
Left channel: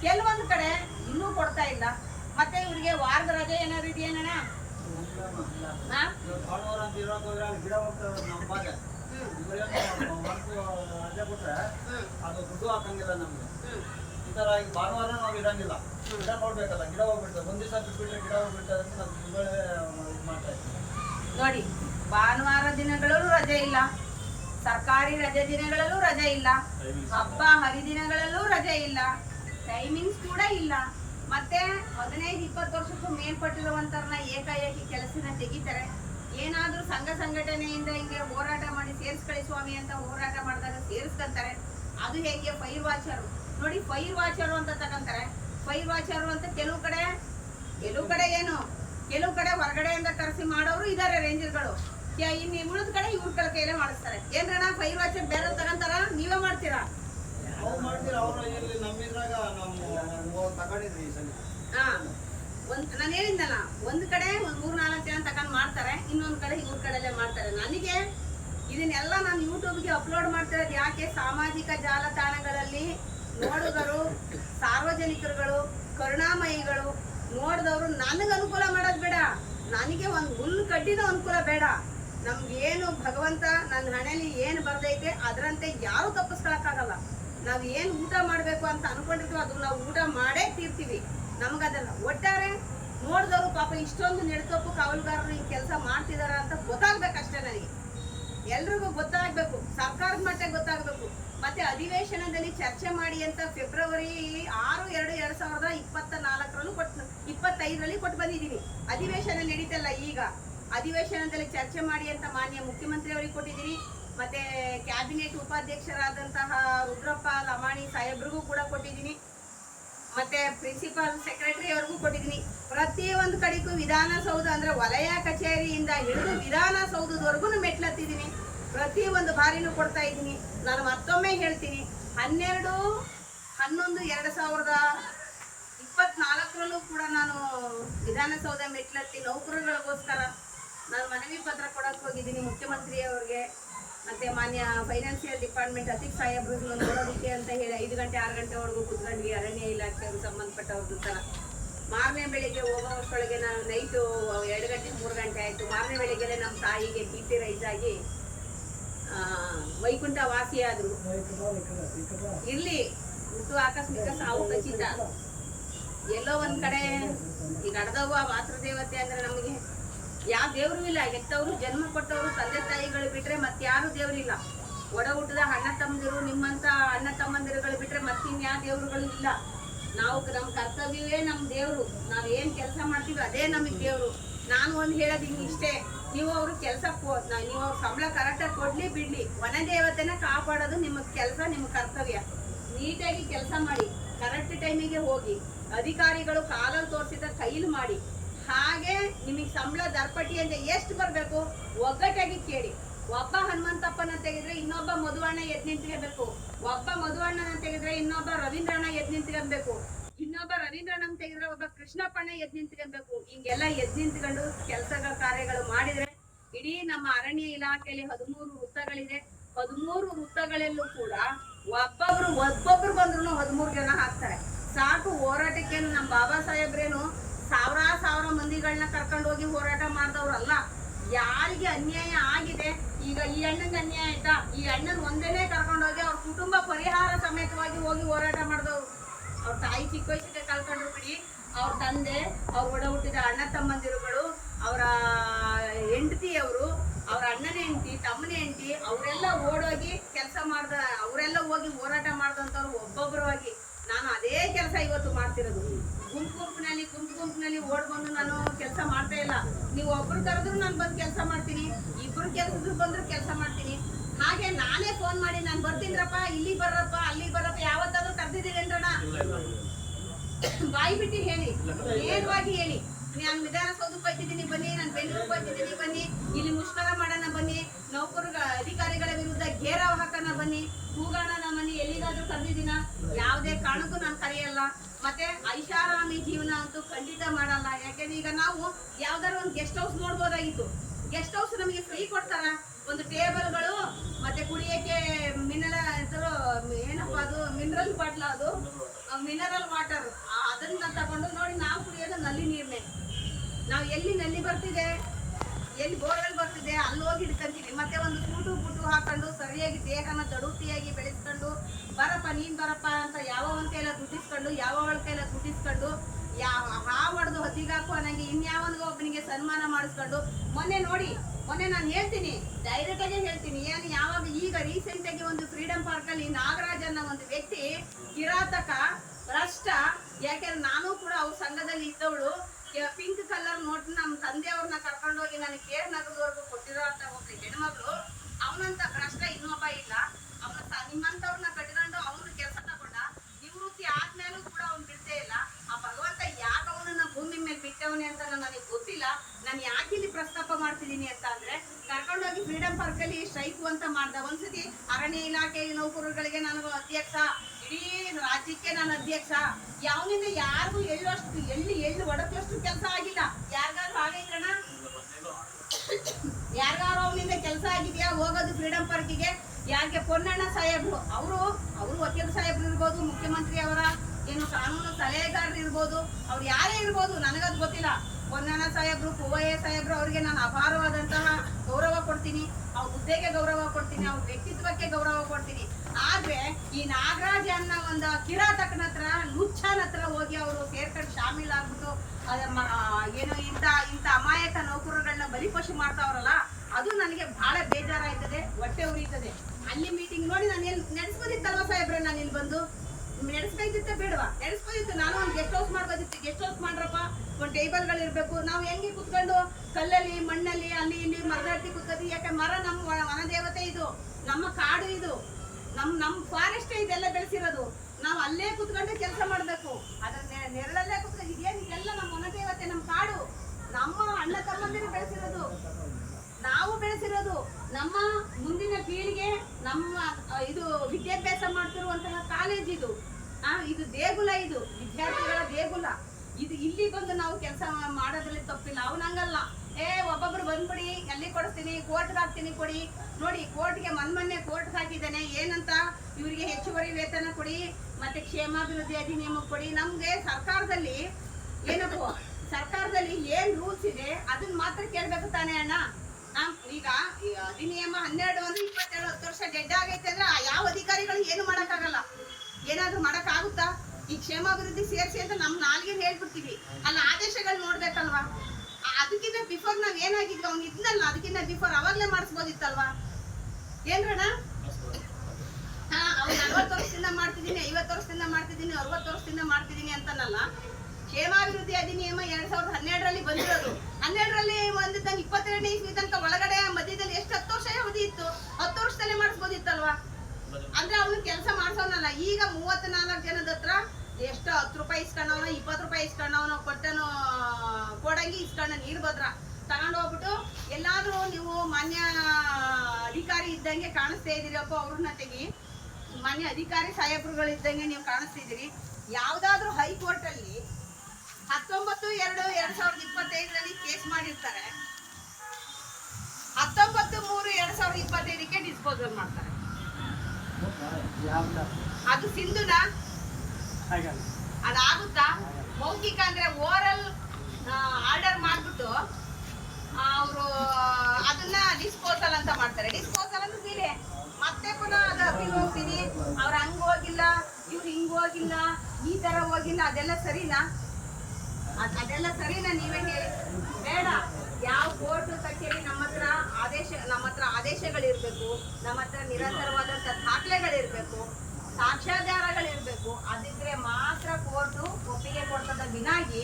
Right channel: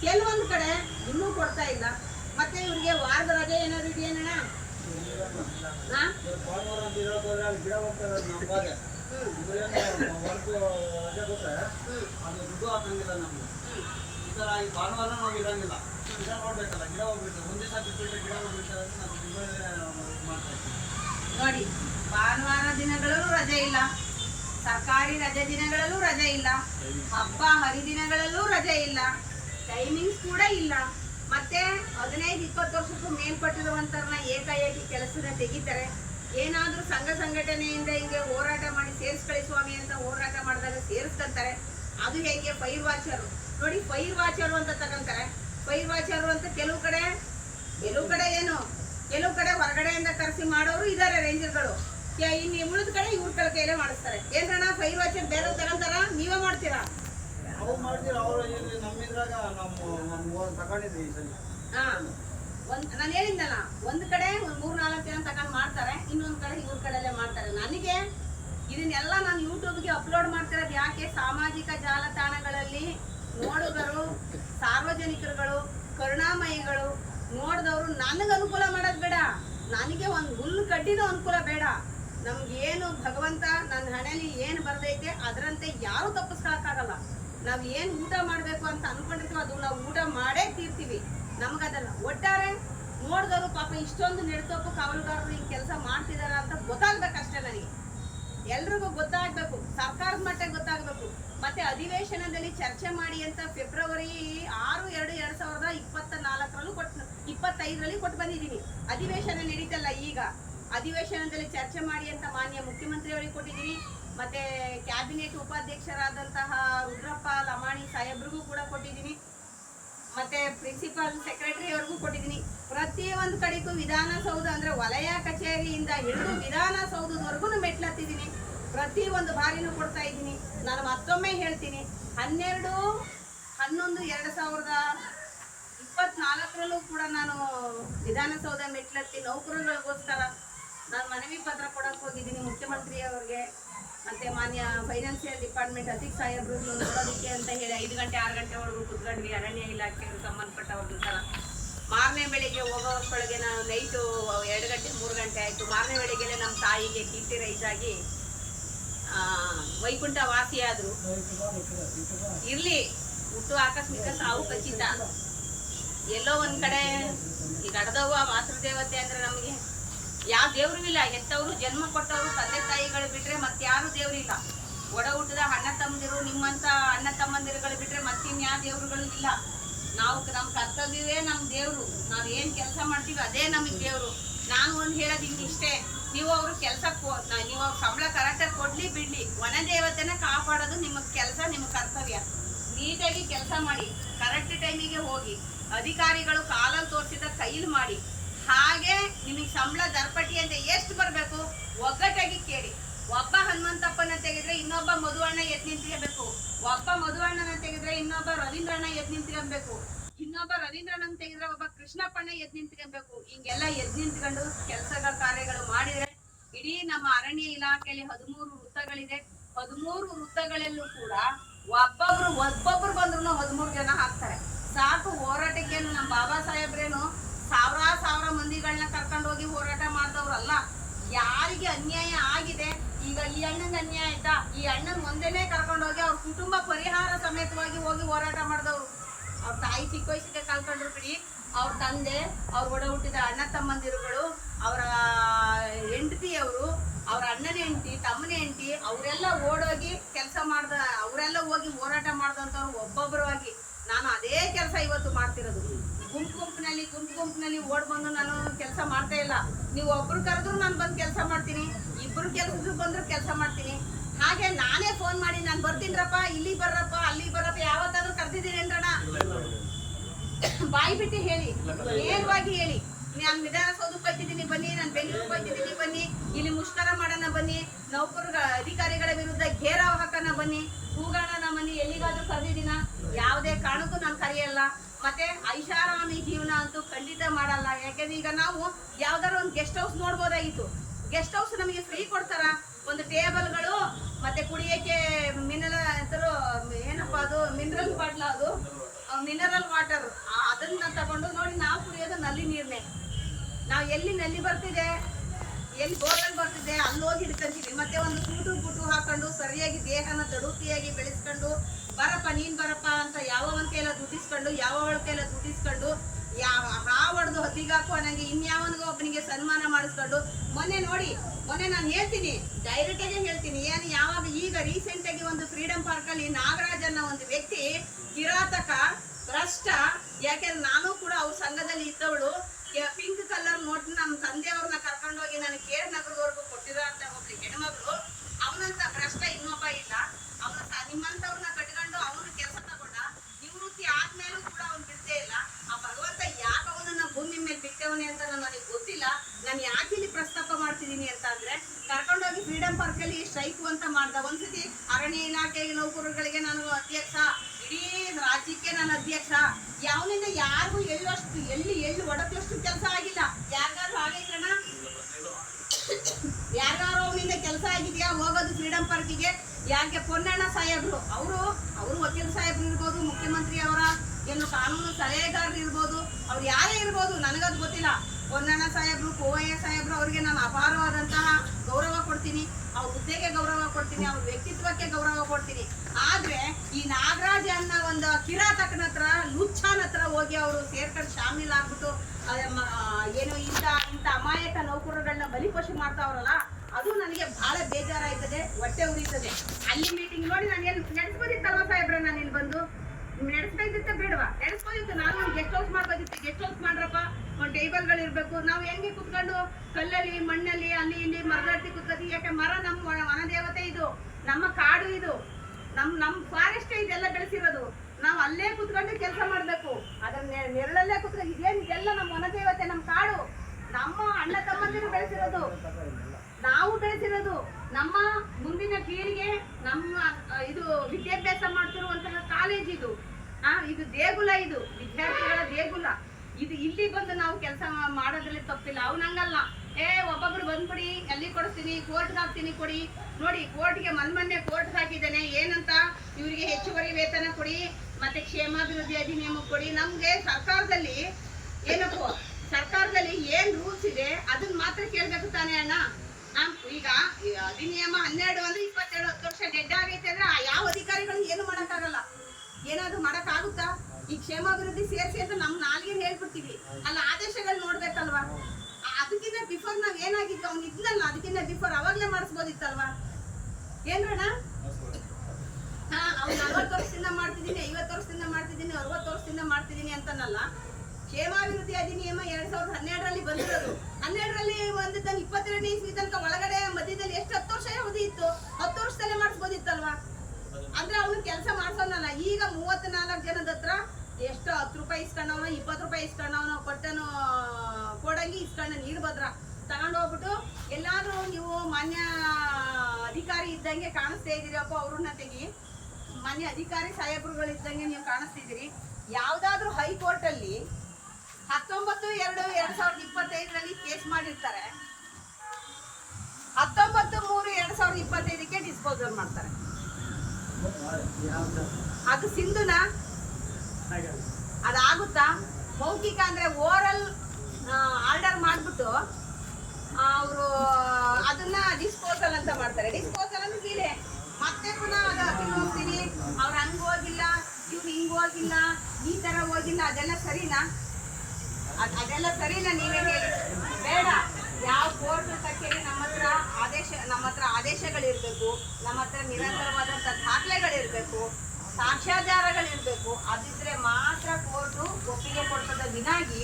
ಕೆಲವೊಂದು ಕಡೆ ಇನ್ನೂ ಕೊಡ್ತಾ ಇಲ್ಲ. ಮತ್ತೆ ಇವರಿಗೆ ವಾರದ ರಜೆ ಏನಾದ್ರು ಇದೆಯೇನಣ್ಣ? ಭಾನುವಾರ ದಿವಸ ನೋಡಿ, ಭಾನುವಾರ ದಿನಗಳಲ್ಲೂ ರಜೆ ಇಲ್ಲ. ಸರ್ಕಾರಿ ರಜೆ ದಿನಗಳಲ್ಲೂ ರಜೆ ಇಲ್ಲ. ಹಬ್ಬ ಹರಿದಿನಗಳಲ್ಲೂ ರಜೆ ಇಲ್ಲ. ಟೈಮಿಂಗ್ಸ್ ಕೂಡ ಇಲ್ಲ. ಮತ್ತೆ ಹದಿನೈದು, ಇಪ್ಪತ್ತು ವರ್ಷಕ್ಕೂ ಮೇಲ್ಪಟ್ಟಿರುವಂತ ಏಕಾಏಕಿ ಕೆಲಸನ ತೆಗಿತಾರೆ. ಏನಾದ್ರೂ ಸಂಘ ಸಂಘಟನೆಯಿಂದ ಹಿಂಗೆ ಹೋರಾಟ ಮಾಡಿ ಸೇರಿಸ್ಕೊಳ್ಳಿ ಸ್ವಾಮಿ ಅಂತ ಹೋರಾಟ ಮಾಡಿದಾಗ ಸೇರಿಸ್ಕೊಂತಾರೆ. ಅದು ಹೇಗೆ? Fire watcher. ನೋಡಿ ಫೈರ್ ವಾಚರು ಅಂತ ತಗೊಂತಾರೆ. ಫೈರ್ ವಾಚರು ಅಂತ ಕೆಲವು ಕಡೆ ಕೆಲವು ಕಡೆ ಏನು? ಕೆಲವು ಕಡೆ ಹೊರಗಡೆಯಿಂದ ಕರೆಸಿ ಮಾಡೋರು ಇದಾರೆ ರೇಂಜರ್ಗಳು. ಇನ್ನು ಉಳಿದ ಕಡೆ ಇವ್ರ ಕಡೆ ಕೈಲೇ ಮಾಡಿಸ್ತಾರೆ. ಏನ್ರಣ್ಣ ಫೈರ್ ವಾಚರ್ ಬೇರೆ ತಗೊಂತಾರ? ನೀವೇ ಮಾಡ್ತೀರಾ? ನಾವು ಮಾಡ್ತೀವಿ ಅವ್ರ ಇಲ್ಲಿ ನಮ್ಮಿದ್ರಾಗ ನಮ್ಮ ಒಂದು ಮೂರು ತಗೊಂಡಿದ್ವಿ ಈ ಸಲ. ಹಾ. ಒಂದ್ ನಾನು ಹೇಳಿದ್ನಲ್ಲ, ಒಂದು ಕಡೆ ಒಂದು ಮೂರು ನಾಲ್ಕು ಜನ ತಗೊಂಡು ಮಾಡ್ತಾರೆ, ಇನ್ನೊಂದು ಕಡೆ ಇವ್ರ ಕಡೆಯಲ್ಲೇ ಮಾಡ್ತಾರೆ. ನನಗೆ ಇದನ್ನೆಲ್ಲ ನಾನು ಯೂಟ್ಯೂಬ್ಗೆ ಅಪ್ಲೋಡ್ ಮಾಡ್ತಿರೋದು ಯಾಕೆ? ಸಾಮಾಜಿಕ ಜಾಲತಾಣಗಳಲ್ಲಿ ನೋಡುಗರು, ಸಾರ್ವಜನಿಕರುಗಳು, ಕರುಣಾಮಯಿಗಳು ನೋಡಿದವರು ನನಗೆ ಅನುಕೂಲ ಮಾಡೋದು ಬೇಡ. ನನಗೆ ಒಂದು ಹುಲ್ಲು ಕಡ್ಡಿನೂ ಅನುಕೂಲ ಬೇಡ. ನಮ್ಗೇನು ಭಗವಂತ ನನ್ನ ಹಣೆಯಲ್ಲಿ ಏನು ಬರ್ದೈತೆ ಅದರಂತೆ ಯಾರೂ ತಪ್ಪಿಸ್ಕೊಳಕ್ಕಾಗಲ್ಲ. ನಾವು ಏನು ಊಟ ಮಾಡಬೇಕು ಅಂತ ಅನ್ಕೊಂಡಿರ್ತೀವಿ ಅದು ನಾವು ಊಟ ಮಾಡೇ ತೀರ್ತೀವಿ. ನಮಗದಲ್ಲ. ಒಟ್ಟಾರೆ ನೋಡಿದವರು ಪಾಪ ಇಷ್ಟೊಂದು ನೆಡ್ತೋಪು ಕಾವಲುಗಾರರು ಈ ಕೆಲಸ ಮಾಡ್ತಿದಾರ ಅಂತ ಗೊತ್ತಾಗ್ಬೇಕಷ್ಟೇ ನನಗೆ. ಎಲ್ರಿಗೂ ಗೊತ್ತಾಗ್ಬೇಕು, ಸರ್ಕಾರದ ಮಟ್ಟಕ್ಕೆ ಗೊತ್ತಾಗ್ಬೇಕು. ಮತ್ತೆ ಅಧಿವೇಶನದಲ್ಲಿ ಚರ್ಚೆ ಮಾಡಿ ಅಂತ ಫೆಬ್ರವರಿ ಆರು, ಎರಡು, ಎರಡ್ ಸಾವಿರದ ಇಪ್ಪತ್ತ ನಾಲ್ಕರಲ್ಲೂ ಕೊಟ್ಟು ಇಪ್ಪತ್ತೈದರಲ್ಲಿ ಕೊಟ್ಟು ಬಂದಿದ್ದೀನಿ. ಅಧಿವೇಶನ ನಡೀತಲ್ಲ ಈಗ. ಅಧಿವೇಶನದಲ್ಲಿ ಚರ್ಚೆ ಮಾಡಿ ಅಂತ ಮಾನ್ಯ ಮುಖ್ಯಮಂತ್ರಿ ಅವರಿಗೆ ಕೊಟ್ಟಿದ್ದೀನಿ. ಮತ್ತೆ ಕ್ಯಾಬಿನೆಟ್ ಉಪಾಧ್ಯಕ್ಷರಾದಂತಹ ರುದ್ರಪ್ಪ ಲಮಾಣಿ ಸಾಹೇಬ್ರಿಗೂ ಕೂಡ ಕೊಟ್ಟಿದ್ದೀನಿ. ಮತ್ತೆ ಪ್ರಿನ್ಸಿಪಲ್ ಸೆಕ್ರೆಟರಿ ಅವ್ರಿಗೂ ಕೊಟ್ಟಿದ್ದೀನಿ. ಪ್ರತಿ ಒಂದು ಕಡೆಗೂ ವಿಧಾನಸೌಧ ಅಂದ್ರೆ ವಲಯ ಕಚೇರಿಯಿಂದ ಹಿಡಿದು ವಿಧಾನಸೌಧದವರೆಗೂ ಮೆಟ್ಲತ್ತಿದ್ದೀನಿ. ಪ್ರತಿ ಒಂದು ಬಾರಿನೂ ಕೊಡ್ತಾ ಇದ್ದೀನಿ. ನಾನು ಮತ್ತೊಮ್ಮೆ ಹೇಳ್ತೀನಿ, ಹನ್ನೆರಡು, ಹನ್ನೊಂದು, ಎರಡು ಸಾವಿರದ ಇಪ್ಪತ್ನಾಲ್ಕರಲ್ಲೂ ಕೂಡ ನಾನು ವಿಧಾನಸೌಧ ಮೆಟ್ಲತ್ತಿ ನೌಕರರುಗಳಿಗೋಸ್ಕರ ನಾನು ಮನವಿ ಪತ್ರ ಕೊಡಕ್ಕೆ ಹೋಗಿದ್ದೀನಿ ಮುಖ್ಯಮಂತ್ರಿ ಅವ್ರಿಗೆ ಮತ್ತೆ ಮಾನ್ಯ ಫೈನಾನ್ಸಿಯಲ್ ಡಿಪಾರ್ಟ್ಮೆಂಟ್ ಅತಿಕ್ ಸಾಹೇಬ್ರು ನೋಡೋದಕ್ಕೆ ಅಂತ ಹೇಳಿ ಐದು ಗಂಟೆ, ಆರು ಗಂಟೆವರೆಗೂ ಕುತ್ಕೊಂಡ್ವಿ. ಅರಣ್ಯ ಇಲಾಖೆಯವರು ಸಂಬಂಧಪಟ್ಟವ್ರದ್ದು ಸಹ ಮಾರನೇ ಬೆಳಿಗ್ಗೆ ಹೋಗೋಷ್ಟೊಳಗೆ ನಾವು ನೈಟು ಎರಡು ಗಂಟೆ, ಮೂರು ಗಂಟೆ ಆಯಿತು. ಮಾರನೇ ಬೆಳಿಗ್ಗೆ ನಮ್ಮ ತಾಯಿಗೆ ಕೀರ್ತಿ ರೈಸ್ ಆಗಿ ವೈಕುಂಠ ವಾಸಿಯಾದರು ಇರಲಿ ಹುಟ್ಟು ಆಕಸ್ಮಿಕ ಸಾವು ಖಚಿತ. ಎಲ್ಲೋ ಒಂದು ಕಡೆ, ಈಗ ಅಡದವ್ವ ಮಾತೃದೇವತೆ ಅಂದರೆ ನಮಗೆ ಯಾವ ದೇವ್ರು ಇಲ್ಲ ಹೆತ್ತವರು ಜನ್ಮ ಕೊಟ್ಟವರು ತಂದೆ ತಾಯಿಗಳು ಬಿಟ್ರೆ ಮತ್ಯಾರು ದೇವ್ರಿಲ್ಲ ಒಡ ಹುಟ್ಟದ ಅಣ್ಣ ತಮ್ಮಂದಿರು, ನಿಮ್ಮಂತ ಅಣ್ಣ ತಮ್ಮಂದಿರುಗಳು ಬಿಟ್ರೆ ಮತ್ತಿನ್ಯಾ ದೇವ್ರುಗಳು ಇಲ್ಲ. ನಾವು ನಮ್ಮ ಕರ್ತವ್ಯವೇ ನಮ್ಮ ದೇವ್ರು. ನಾವ್ ಏನ್ ಕೆಲಸ ಮಾಡ್ತೀವಿ ಅದೇ ನಮಗೆ ದೇವ್ರು. ನಾನು ಒಂದ್ ಹೇಳೋದು ಹಿಂಗ್ ಇಷ್ಟೇ. ನೀವು ಅವ್ರು ಕೆಲಸ ನೀವು ಅವ್ರ ಸಂಬಳ ಕರೆಕ್ಟಾಗಿ ಕೊಡ್ಲಿ ಬಿಡ್ಲಿ. ವನ ದೇವತೆನ ಕಾಪಾಡೋದು ನಿಮ್ಮ ಕೆಲಸ ನಿಮ್ಮ ಕರ್ತವ್ಯ. ನೀಟಾಗಿ ಕೆಲಸ ಮಾಡಿ ಕರೆಕ್ಟ್ ಟೈಮಿಗೆ ಹೋಗಿ, ಅಧಿಕಾರಿಗಳು ಕಾಲಲ್ಲಿ ತೋರಿಸಿದ ಕೈಲಿ ಮಾಡಿ. ಹಾಗೆ ನಿಮಗೆ ಸಂಬಳ ದರ್ಪಟಿ ಅಂತ ಎಷ್ಟು ಬರಬೇಕು? ಒಗ್ಗಟ್ಟಾಗಿ ಕೇಳಿ. ಒಬ್ಬ ಹನುಮಂತಪ್ಪನ ತೆಗೆದ್ರೆ ಇನ್ನೊಬ್ಬ ಮಧುವಣ್ಣ ಎದ್ ನಿಂತ್ಕೋಬೇಕು ಒಬ್ಬ ಮಧುವಣ್ಣನ ತೆಗೆದ್ರೆ ಇನ್ನೊಬ್ಬ ರವೀಂದ್ರಣ್ಣ ಎದ್ ನಿಂತ್ಕೊಬೇಕು ಇನ್ನೊಬ್ಬ ರವೀಂದ್ರಣ್ಣನ ತೆಗೆದ್ರೆ ಒಬ್ಬ ಕೃಷ್ಣಪ್ಪಣ್ಣ ಎದ್ ನಿಂತ್ಕೊಬೇಕು ಹಿಂಗೆಲ್ಲ ಎದ್ ನಿಂತ್ಕೊಂಡು ಕೆಲಸಗಳ ಕಾರ್ಯಗಳು ಮಾಡಿದ್ರೆ ಇಡೀ ನಮ್ಮ ಅರಣ್ಯ ಇಲಾಖೆಯಲ್ಲಿ ಹದಿಮೂರು ವೃತ್ತಗಳಿದೆ. ಹದಿಮೂರು ವೃತ್ತಗಳಲ್ಲೂ ಕೂಡ ಒಬ್ಬೊಬ್ರು ಒಬ್ಬೊಬ್ರು ಬಂದ್ರು ಹದಿಮೂರು ಜನ ಹಾಕ್ತಾರೆ. ಸಾಕು ಹೋರಾಟಕ್ಕೇನು ನಮ್ಮ ಬಾಬಾ ಸಾಹೇಬ್ರೇನು ಸಾವಿರ ಸಾವಿರ ಮಂದಿಗಳನ್ನ ಕರ್ಕೊಂಡು ಹೋಗಿ ಹೋರಾಟ ಮಾಡಿದವ್ರಲ್ಲ, ಯಾರಿಗೆ ಅನ್ಯಾಯ ಆಗಿದೆ? ಈಗ ಈ ಅಣ್ಣಂಗೆ ಅನ್ಯಾಯ ಆಯ್ತಾ? ಈ ಅಣ್ಣನ್ ಒಂದೇನೆ ಕರ್ಕೊಂಡು ಹೋಗಿ ಅವ್ರ ಕುಟುಂಬ ಪರಿಹಾರ ಸಮೇತವಾಗಿ ಹೋಗಿ ಹೋರಾಟ ಮಾಡಿದವ್ರು. ಅವ್ರ ತಾಯಿ ಚಿಕ್ಕ ವಯಸ್ಸಿಗೆ ಕಳ್ಕೊಂಡ್ರು ಬಿಡಿ. ಅವ್ರ ತಂದೆ, ಅವ್ರ ಒಡ ಹುಟ್ಟಿದ ಅಣ್ಣ ತಮ್ಮಂದಿರುಗಳು, ಅವರ ಹೆಂಡತಿ ಅವರು, ಅವ್ರ ಅಣ್ಣನ ಹೆಂಡತಿ, ತಮ್ಮನ ಹೆಂಡತಿ, ಅವರೆಲ್ಲ ಓಡೋಗಿ ಕೆಲಸ ಮಾಡ್ದ, ಅವರೆಲ್ಲ ಹೋಗಿ ಹೋರಾಟ ಮಾಡ್ದಂಥವ್ರು ಒಬ್ಬೊಬ್ಬರವಾಗಿ ನಾನು ಅದೇ ಕೆಲಸ ಇವತ್ತು ಮಾಡ್ತಿರೋದು. ಗುಂಪು ಗುಂಪಿನಲ್ಲಿ ಗುಂಪು ಗುಂಪಿನಲ್ಲಿ ಓಡ್ ಬಂದು ನಾನು ಕೆಲಸ ಮಾಡ್ತಾ ಇಲ್ಲ. ನೀವು ಒಬ್ರು ಕರೆದ್ರು ನಾನು ಬಂದು ಕೆಲಸ ಮಾಡ್ತೀನಿ, ಇಬ್ರು ಕೆಲಸದ್ರು ಬಂದ್ರು ಕೆಲಸ ಮಾಡ್ತೀನಿ. ಹಾಗೆ ನಾನೇ ಫೋನ್ ಮಾಡಿ, ನಾನು ಬರ್ತೀನಿರಪ್ಪ, ಇಲ್ಲಿ ಬರ್ರಪ್ಪ, ಅಲ್ಲಿ ಬರ್ರಪ್ಪ, ಯಾವತ್ತಾದ್ರೂ ಕರ್ದಿದ್ದೀರೇನ್ರಣ್ಣ ಬಾಯಿ ಬಿಟ್ಟು ಹೇಳಿ, ನೇರವಾಗಿ ಹೇಳಿ. ನಾನು ವಿಧಾನಸೌಧಕ್ಕೆ ಹೋಗ್ತಿದ್ದೀನಿ, ಬನ್ನಿ, ನಾನು ಬೆಂಗಳೂರು ಹೋಗ್ತಿದ್ದೀನಿ, ಬನ್ನಿ, ಇಲ್ಲಿ ಮುಷ್ಕರ ಮಾಡೋಣ, ಬನ್ನಿ, ನೌಕರರ ಅಧಿಕಾರಿಗಳ ವಿರುದ್ಧ ಘೇರಾವ್ ಹಾಕೋಣ, ಬನ್ನಿ ಕೂಗಾಡೋಣ ಬನ್ನಿ ಎಲ್ಲಿಗಾದ್ರೂ ಕರೆದಿದ್ದೀನ? ಯಾವುದೇ ಕಾರಣಕ್ಕೂ ನಾನು ಕರೆಯಲ್ಲ. ಮತ್ತೆ ಐಷಾರಾಮಿ ಜೀವನ ಅಂತೂ ಖಂಡಿತ ಮಾಡಲ್ಲ. ಯಾಕೆಂದ್ರೆ ಈಗ ನಾವು ಯಾವ್ದಾರ ಒಂದು ಗೆಸ್ಟ್ ಹೌಸ್ ನೋಡ್ಬೋದಾಗಿತ್ತು. ಗೆಸ್ಟ್ ಹೌಸ್ ನಮಗೆ ಫ್ರೀ ಕೊಡ್ತಾರ. ಒಂದು ಟೇಬಲ್ಗಳು, ಮತ್ತೆ ಕುಡಿಯಕ್ಕೆ ಮಿನರಲ್ ಏನಪ್ಪ ಅದು ಮಿನರಲ್ ಬಾಟ್ಲ ಅದು ಮಿನರಲ್ ವಾಟರ್ ಅದನ್ನ ತಗೊಂಡು ನೋಡಿ ನಾವು ಕುಡಿಯೋದು ನಲ್ಲಿ ನೀರನ್ನೇ ನಾವು ಎಲ್ಲಿ ನಲ್ಲಿ ಬರ್ತಿದೆ? ಎಲ್ಲಿ ಬೋರ್ವೆಲ್ ಬರ್ತಿದೆ, ಅಲ್ಲಿ ಹೋಗಿ ಹಿಡ್ಕೊಂತೀವಿ. ಮತ್ತೆ ಒಂದು ಸೂಟು ಬೂಟು ಹಾಕೊಂಡು ಸರಿಯಾಗಿ ದೇಹನ ದಡುತಿಯಾಗಿ ಬೆಳೆಸ್ಕೊಂಡು, ಬರಪ್ಪ, ನೀನ್ ಬರಪ್ಪ ಅಂತ ಯಾವವನ ಕೈಲ ದುಡ್ಡಿಸ್ಕೊಂಡು, ಯಾವವಳ ಕೈಲ ದುಡ್ಡಿಸ್ಕೊಂಡು ಯಾವ ಹಾ ಹೊಡೆದು ಹೊತ್ತಿಗಾಕು ಅನ್ನಂಗೆ ಇನ್ಯಾವನಿಗೆ ಒಬ್ಬನಿಗೆ ಸನ್ಮಾನ ಮಾಡಿಸ್ಕೊಂಡು, ಮೊನ್ನೆ ನೋಡಿ, ಮೊನ್ನೆ ನಾನು ಹೇಳ್ತೀನಿ ಡೈರೆಕ್ಟ್ ಆಗಿ ಹೇಳ್ತೀನಿ, ಏನು ಯಾವಾಗ ಈಗ ರೀಸೆಂಟ್ ಆಗಿ ಒಂದು ಫ್ರೀಡಂ ಪಾರ್ಕ್ ಅಲ್ಲಿ ನಾಗರಾಜ್ ಅನ್ನೋ ಒಂದು ವ್ಯಕ್ತಿ ಕಿರಾತಕ ಭ್ರಷ್ಟ, ಯಾಕೆಂದ್ರೆ ನಾನು ಕೂಡ ಅವ್ರ ಸಂಘದಲ್ಲಿ ಇದ್ದವಳು. ಪಿಂಕ್ ಕಲರ್ ನೋಟ್ ನಮ್ಮ ತಂದೆಯವ್ರನ್ನ ಕರ್ಕೊಂಡೋಗಿ ನನ್ ಕೇರ್ ನಗರದವರೆಗೂ ಕೊಟ್ಟಿರೋ ಅಂತ ಒಬ್ಳು ಹೆಣ್ಮಗಳು, ಅವನಂತ ಭ್ರಷ್ಟ ಇನ್ನೊಬ್ಬ ಇಲ್ಲ. ಅವನ ನಿಮ್ಮಂತವ್ರನ್ನ ಕಟ್ಕೊಂಡು ಅವನು ಕೆಲಸ ತಗೊಂಡ, ನಿವೃತ್ತಿ ಆದ್ಮೇಲೂ ಕೂಡ ಅವ್ನು ಬಿಡ್ತೇ ಇಲ್ಲ. ಆ ಭಗವಂತ ಯಾಕ ಅವನನ್ನ ಭೂಮಿ ಮೇಲೆ ಬಿಟ್ಟವನೇ ಅಂತ ನನಗೆ ಗೊತ್ತಿಲ್ಲ. ನಾನು ಯಾಕೆ ಇಲ್ಲಿ ಪ್ರಸ್ತಾಪ ಮಾಡ್ತಿದ್ದೀನಿ ಅಂತ ಅಂದ್ರೆ, ಕರ್ಕೊಂಡೋಗಿ ಫ್ರೀಡಂ ಪಾರ್ಕ್ ಅಲ್ಲಿ ಸ್ಟ್ರೈಕ್ ಅಂತ ಮಾಡ್ದ. ಒಂದ್ಸತಿ ಅರಣ್ಯ ಇಲಾಖೆ ನೌಕರರುಗಳಿಗೆ ನಾನು ಅಧ್ಯಕ್ಷ, ಇಡೀ ರಾಜ್ಯಕ್ಕೆ ನಾನು ಅಧ್ಯಕ್ಷ. ಯಾವನಿಂದ ಯಾರಿಗೂ ಎಲ್ಲಷ್ಟು ಎಲ್ಲಿ ಎಲ್ಲಿ ಒಡಕಷ್ಟು ಕೆಲಸ ಆಗಿಲ್ಲ ಯಾರಿಗಾದ್ರೂ ಆಗೈತ್ರಣ್ಣ ಯಾರಿಗಾರು ಅವನಿಂದ ಕೆಲಸ ಆಗಿದೆಯಾ ಹೋಗೋದು ಫ್ರೀಡಂ ಪಾರ್ಕಿಗೆ ಯಾಕೆ ಪೊನ್ನಣ್ಣ ಸಾಹೇಬ್ರು ಅವರು ಅವರು ವಕೀಲ ಸಾಹೇಬ್ರು ಇರ್ಬೋದು ಮುಖ್ಯಮಂತ್ರಿ ಅವರ ಏನು ಕಾನೂನು ಸಲಹೆಗಾರರು ಇರ್ಬೋದು, ಅವ್ರು ಯಾರೇ ಇರ್ಬೋದು, ನನಗದು ಗೊತ್ತಿಲ್ಲ. ಹೊನ್ನಣ್ಣ ಸಾಹೇಬ್ರು, ಕೋವಯ್ಯ ಸಾಹೇಬ್ರು ಅವರಿಗೆ ನಾನು ಅಪಾರವಾದಂತಹ ಗೌರವ ಕೊಡ್ತೀನಿ. ಅವ್ರ ಹುದ್ದೆಗೆ ಗೌರವ ಕೊಡ್ತೀನಿ, ಅವ್ರ ವ್ಯಕ್ತಿತ್ವಕ್ಕೆ ಗೌರವ ಕೊಡ್ತೀನಿ. ಆದ್ರೆ ಈ ನಾಗರಾಜ್ ಅನ್ನೋ ಒಂದು ಕಿರಾತಕನ ಹತ್ರ ಲುಚ್ಚನ ಹತ್ರ ಹೋಗಿ ಅವರು ಸೇರ್ಕೊಂಡು ಶಾಮಿಲ್ ಆಗ್ಬಿಟ್ಟು ಅದೇ ಮ- ಆ, ಏನೋ ಇಂಥ ಇಂಥ ಅಮಾಯಕ ನೌಕರರುಗಳನ್ನ ಬಲಿಪಶು ಮಾಡ್ತಾವ್ರಲ್ಲ ಅದು ನನಗೆ ಬಹಳ ಬೇಜಾರಾಯ್ತದೆ ಹೊಟ್ಟೆ ಉರಿತದೆ ಅಲ್ಲಿ ಮೀಟಿಂಗ್ ನೋಡಿ ನಾನು ಎಲ್ಲಿ ನಡೆಸ್ಬೋದಿತ್ತಲ್ವ ಸಾಹೇಬ್ರೆ? ನಾನು ಇಲ್ಲಿ ಬಂದು ನಡೆಸ್ಬೇಕಿತ್ತ ಬೇಡವಾ? ನಡೆಸ್ಬೋದಿತ್ತು ನಾನು ಒಂದು ಗೆಸ್ಟ್ ಹೌಸ್ ಮಾಡ್ಬೋದಿತ್ತು. ಗೆಸ್ಟ್ ಹೌಸ್ ಮಾಡ್ರಪ್ಪ. ಒಂದು ಟೇಬಲ್ಗಳು ಇರಬೇಕು. ನಾವು ಹೆಂಗೆ ಕುತ್ಕೊಂಡು ಕಲ್ಲಲ್ಲಿ, ಮಣ್ಣಲ್ಲಿ, ಅಲ್ಲಿ ಇಲ್ಲಿ ಮರಗಟ್ಟಿ ಕುತ್ಕೋತೀವಿ? ಯಾಕೆ ಮರ ನಮ್ಮ ವನದೇವತೆ ಇದು. ನಮ್ಮ ಕಾಡು ಇದು. ನಮ್ಮ ನಮ್ಮ ಫಾರೆಸ್ಟ್ ಇದೆಲ್ಲ ಬೆಳೆಸಿರೋದು. ನಾವು ಅಲ್ಲೇ ಕುತ್ಕೊಂಡು ಕೆಲಸ ಮಾಡಬೇಕು. ಅದನ್ನ ನೆರಳಲ್ಲೇ ಕುತ್ಕೊಂಡು ಇದೇನು ಇದೆಲ್ಲ ನಮ್ಮ ವನದೇವತೆ ನಮ್ಮ ಕಾಡು? ನಮ್ಮ ಅಣ್ಣ ತಮ್ಮಂದಿರು ಬೆಳೆಸಿರೋದು. ನಾವು ಬೆಳೆಸಿರೋದು. ನಮ್ಮ ಮುಂದಿನ ಪೀಳಿಗೆ ನಮ್ಮ ಇದು ವಿದ್ಯಾಭ್ಯಾಸ ಮಾಡ್ತಿರುವಂತಹ ಕಾಲೇಜ್ ಇದು. ಇದು ದೇಗುಲ ಇದು, ವಿದ್ಯಾರ್ಥಿಗಳ ದೇಗುಲ. ಇದು ಇಲ್ಲಿ ಬಂದು ನಾವು ಕೆಲಸ ಮಾಡೋದ್ರಲ್ಲಿ ತಪ್ಪಿಲ್ಲ. ಅವನಂಗಲ್ಲ ಏ, ಒಬ್ಬೊಬ್ರು ಬಂದ್ಬಿಡಿ, ಎಲ್ಲಿ ಕೊಡಿಸ್ತೀನಿ? ಕೋರ್ಟ್ಗೆ ಹಾಕ್ತೀನಿ ಕೊಡಿ. ನೋಡಿ ಕೋರ್ಟ್ಗೆ ಮನ್ ಮೊನ್ನೆ ಕೋರ್ಟ್ಗೆ ಹಾಕಿದ್ದಾನೆ. ಏನಂತ? ಇವರಿಗೆ ಹೆಚ್ಚುವರಿ ವೇತನ ಕೊಡಿ, ಮತ್ತೆ ಕ್ಷೇಮಾಭಿವೃದ್ಧಿ ಅಧಿನಿಯಮ ಕೊಡಿ. ನಮ್ಗೆ ಸರ್ಕಾರದಲ್ಲಿ ಏನಪ್ಪ, ಸರ್ಕಾರದಲ್ಲಿ ಏನ್ ರೂಲ್ಸ್ ಇದೆ ಅದನ್ನ ಮಾತ್ರ ಕೇಳ್ಬೇಕು ತಾನೇ ಅಣ್ಣ? ಈಗ ಅಧಿನಿಯಮ ಹನ್ನೆರಡು ಅಂದ್ರೆ ಇಪ್ಪತ್ತೇಳು ಹತ್ತು ವರ್ಷ ಡೆಡ್ ಆಗೈತೆ ಅಂದ್ರೆ ಯಾವ ಅಧಿಕಾರಿಗಳು ಏನು ಮಾಡಕ್ಕಾಗಲ್ಲ. ಏನಾದ್ರೂ ಮಾಡಕ್ ಆಗುತ್ತಾ ಈ ಕ್ಷೇಮಾಭಿವೃದ್ಧಿ ಸೇರಿಸಿ ಅಂತ ನಮ್ ನಾಲ್ಗೆ ಹೇಳ್ಬಿಡ್ತೀವಿ. ಅಲ್ಲ, ಆದೇಶಗಳು ನೋಡ್ಬೇಕಲ್ವಾ? ಅದಕ್ಕಿಂತ ಬಿಫೋರ್ ನಾವ್ ಏನಾಗಿದ್ವಿ ಅವ್ನು ಇದ್ನಲ್ಲ, ಅದಕ್ಕಿಂತ ಬಿಫೋರ್ ಅವಾಗ್ಲೇ ಮಾಡಿಸ್ಬೋದಿತ್ತಲ್ವಾ? ಏನ್ರಣ ಹಾ, ಅವ್ನು ನಲ್ವತ್ತು ವರ್ಷದಿಂದ ಮಾಡ್ತಿದ್ದೀನಿ, ಐವತ್ತು ವರ್ಷದಿಂದ ಮಾಡ್ತಿದ್ದೀನಿ, ಅರವತ್ತು ವರ್ಷದಿಂದ ಮಾಡ್ತಿದ್ದೀನಿ ಅಂತನಲ್ಲ. ಕ್ಷೇಮಾಭಿವೃದ್ಧಿ ಅಧಿನಿಯಮ ಎರಡ್ ಸಾವಿರದ ಹನ್ನೆರಡರಲ್ಲಿ ಬಂದಿರೋದು. ಹನ್ನೆರಡರಲ್ಲಿ ಬಂದಿದ್ದಂಗೆ ಇಪ್ಪತ್ತೆರಡನೇ ಇಸ್ವಿ ತನಕ ಒಳಗಡೆ ಮಧ್ಯದಲ್ಲಿ ಎಷ್ಟು ಹತ್ತು ವರ್ಷ ಅವಧಿ ಇತ್ತು? ಹತ್ತು ವರ್ಷದಲ್ಲೇ ಮಾಡಿಸ್ಬೋದಿತ್ತಲ್ವಾ? ಅಂದ್ರೆ ಅವನು ಕೆಲಸ ಮಾಡ್ಸೋನಲ್ಲ. ಈಗ ಮೂವತ್ತ್ ನಾಲ್ಕು ಜನದ ಹತ್ರ ಎಷ್ಟು ಹತ್ತು ರೂಪಾಯಿ ಇಸ್ಕೊಂಡವನ, ಇಪ್ಪತ್ತು ರೂಪಾಯಿ ಇಸ್ಕೊಂಡವನ, ಕೊಟ್ಟನು, ಕೊಡಂಗಿ ಇಸ್ಕೊಂಡ ನೀರು ತಗೊಂಡ್ ಹೋಗ್ಬಿಟ್ಟು ಎಲ್ಲಾದ್ರೂ ನೀವು ಮಾನ್ಯ ಅಧಿಕಾರಿ ಇದ್ದಂಗೆ ಕಾಣಿಸ್ತಾ ಇದೀರಪ್ಪ ಅವ್ರನ್ನ ತೆಗಿ. ಮಾನ್ಯ ಅಧಿಕಾರಿ ಸಾಹೇಬ್ರುಗಳು ಇದ್ದಂಗೆ ನೀವು ಕಾಣಿಸ್ತಿದ್ದೀರಿ ಯಾವ್ದಾದ್ರು ಹೈಕೋರ್ಟ್ ಅಲ್ಲಿ ಹತ್ತೊಂಬತ್ತು, ಎರಡು, ಎರಡ್ ಸಾವಿರದ ಇಪ್ಪತ್ತೈದರಲ್ಲಿ ಕೇಸ್ ಮಾಡಿರ್ತಾರೆ. ಹತ್ತೊಂಬತ್ತು, ಮೂರು, ಎರಡ್ ಸಾವಿರದ ಇಪ್ಪತ್ತೈದಕ್ಕೆ ಡಿಸ್ಪೋಸಲ್ ಮಾಡ್ತಾರೆ. ಅದು ಸಿಂಧುನ? ಅದಾಗುತ್ತಾ? ಮೌಖಿಕ ಅಂದ್ರೆ ಓರಲ್ ಆರ್ಡರ್ ಮಾಡ್ಬಿಟ್ಟು ಅವರು, ಅದನ್ನ ಡಿಸ್ಪೋಸಲ್ ಅಂತ ಮಾಡ್ತಾರೆ. ಡಿಸ್ಪೋಸಲ್ ಅಂದ್ರೆ ಸೀರೆ. ಮತ್ತೆ ಪುನಃ ಅದು ಅಪೀಲ್ ಹೋಗ್ತೀನಿ. ಅವ್ರು ಹಂಗೋಗಿಲ್ಲ ಹೋಗಿಲ್ಲ, ಇವ್ರು ಹಿಂಗೋಗಿಲ್ಲ ಈ ತರ ಹೋಗಿಲ್ಲ, ಅದೆಲ್ಲ ಸರಿನಾ? ಅದೆಲ್ಲ ಸರಿನಾ ನೀವೇ ಹೇಳಿ. ಬೇಡ. ಯಾವ ಕೋರ್ಟ್, ಕಚೇರಿ ನಮ್ಮ ಹತ್ರ ಆದೇಶ, ನಮ್ಮ ಹತ್ರ ಆದೇಶಗಳಿರ್ಬೇಕು, ನಮ್ಮ ಹತ್ರ ನಿರಂತರವಾದಂಥ ದಾಖಲೆಗಳಿರ್ಬೇಕು, ಸಾಕ್ಷ್ಯಾಧಾರಗಳಿರ್ಬೇಕು. ಅದಿದ್ರೆ ಮಾತ್ರ ಕೋರ್ಟು ಒಪ್ಪಿಗೆ ಕೊಡ್ತದ ವಿನಾಗಿ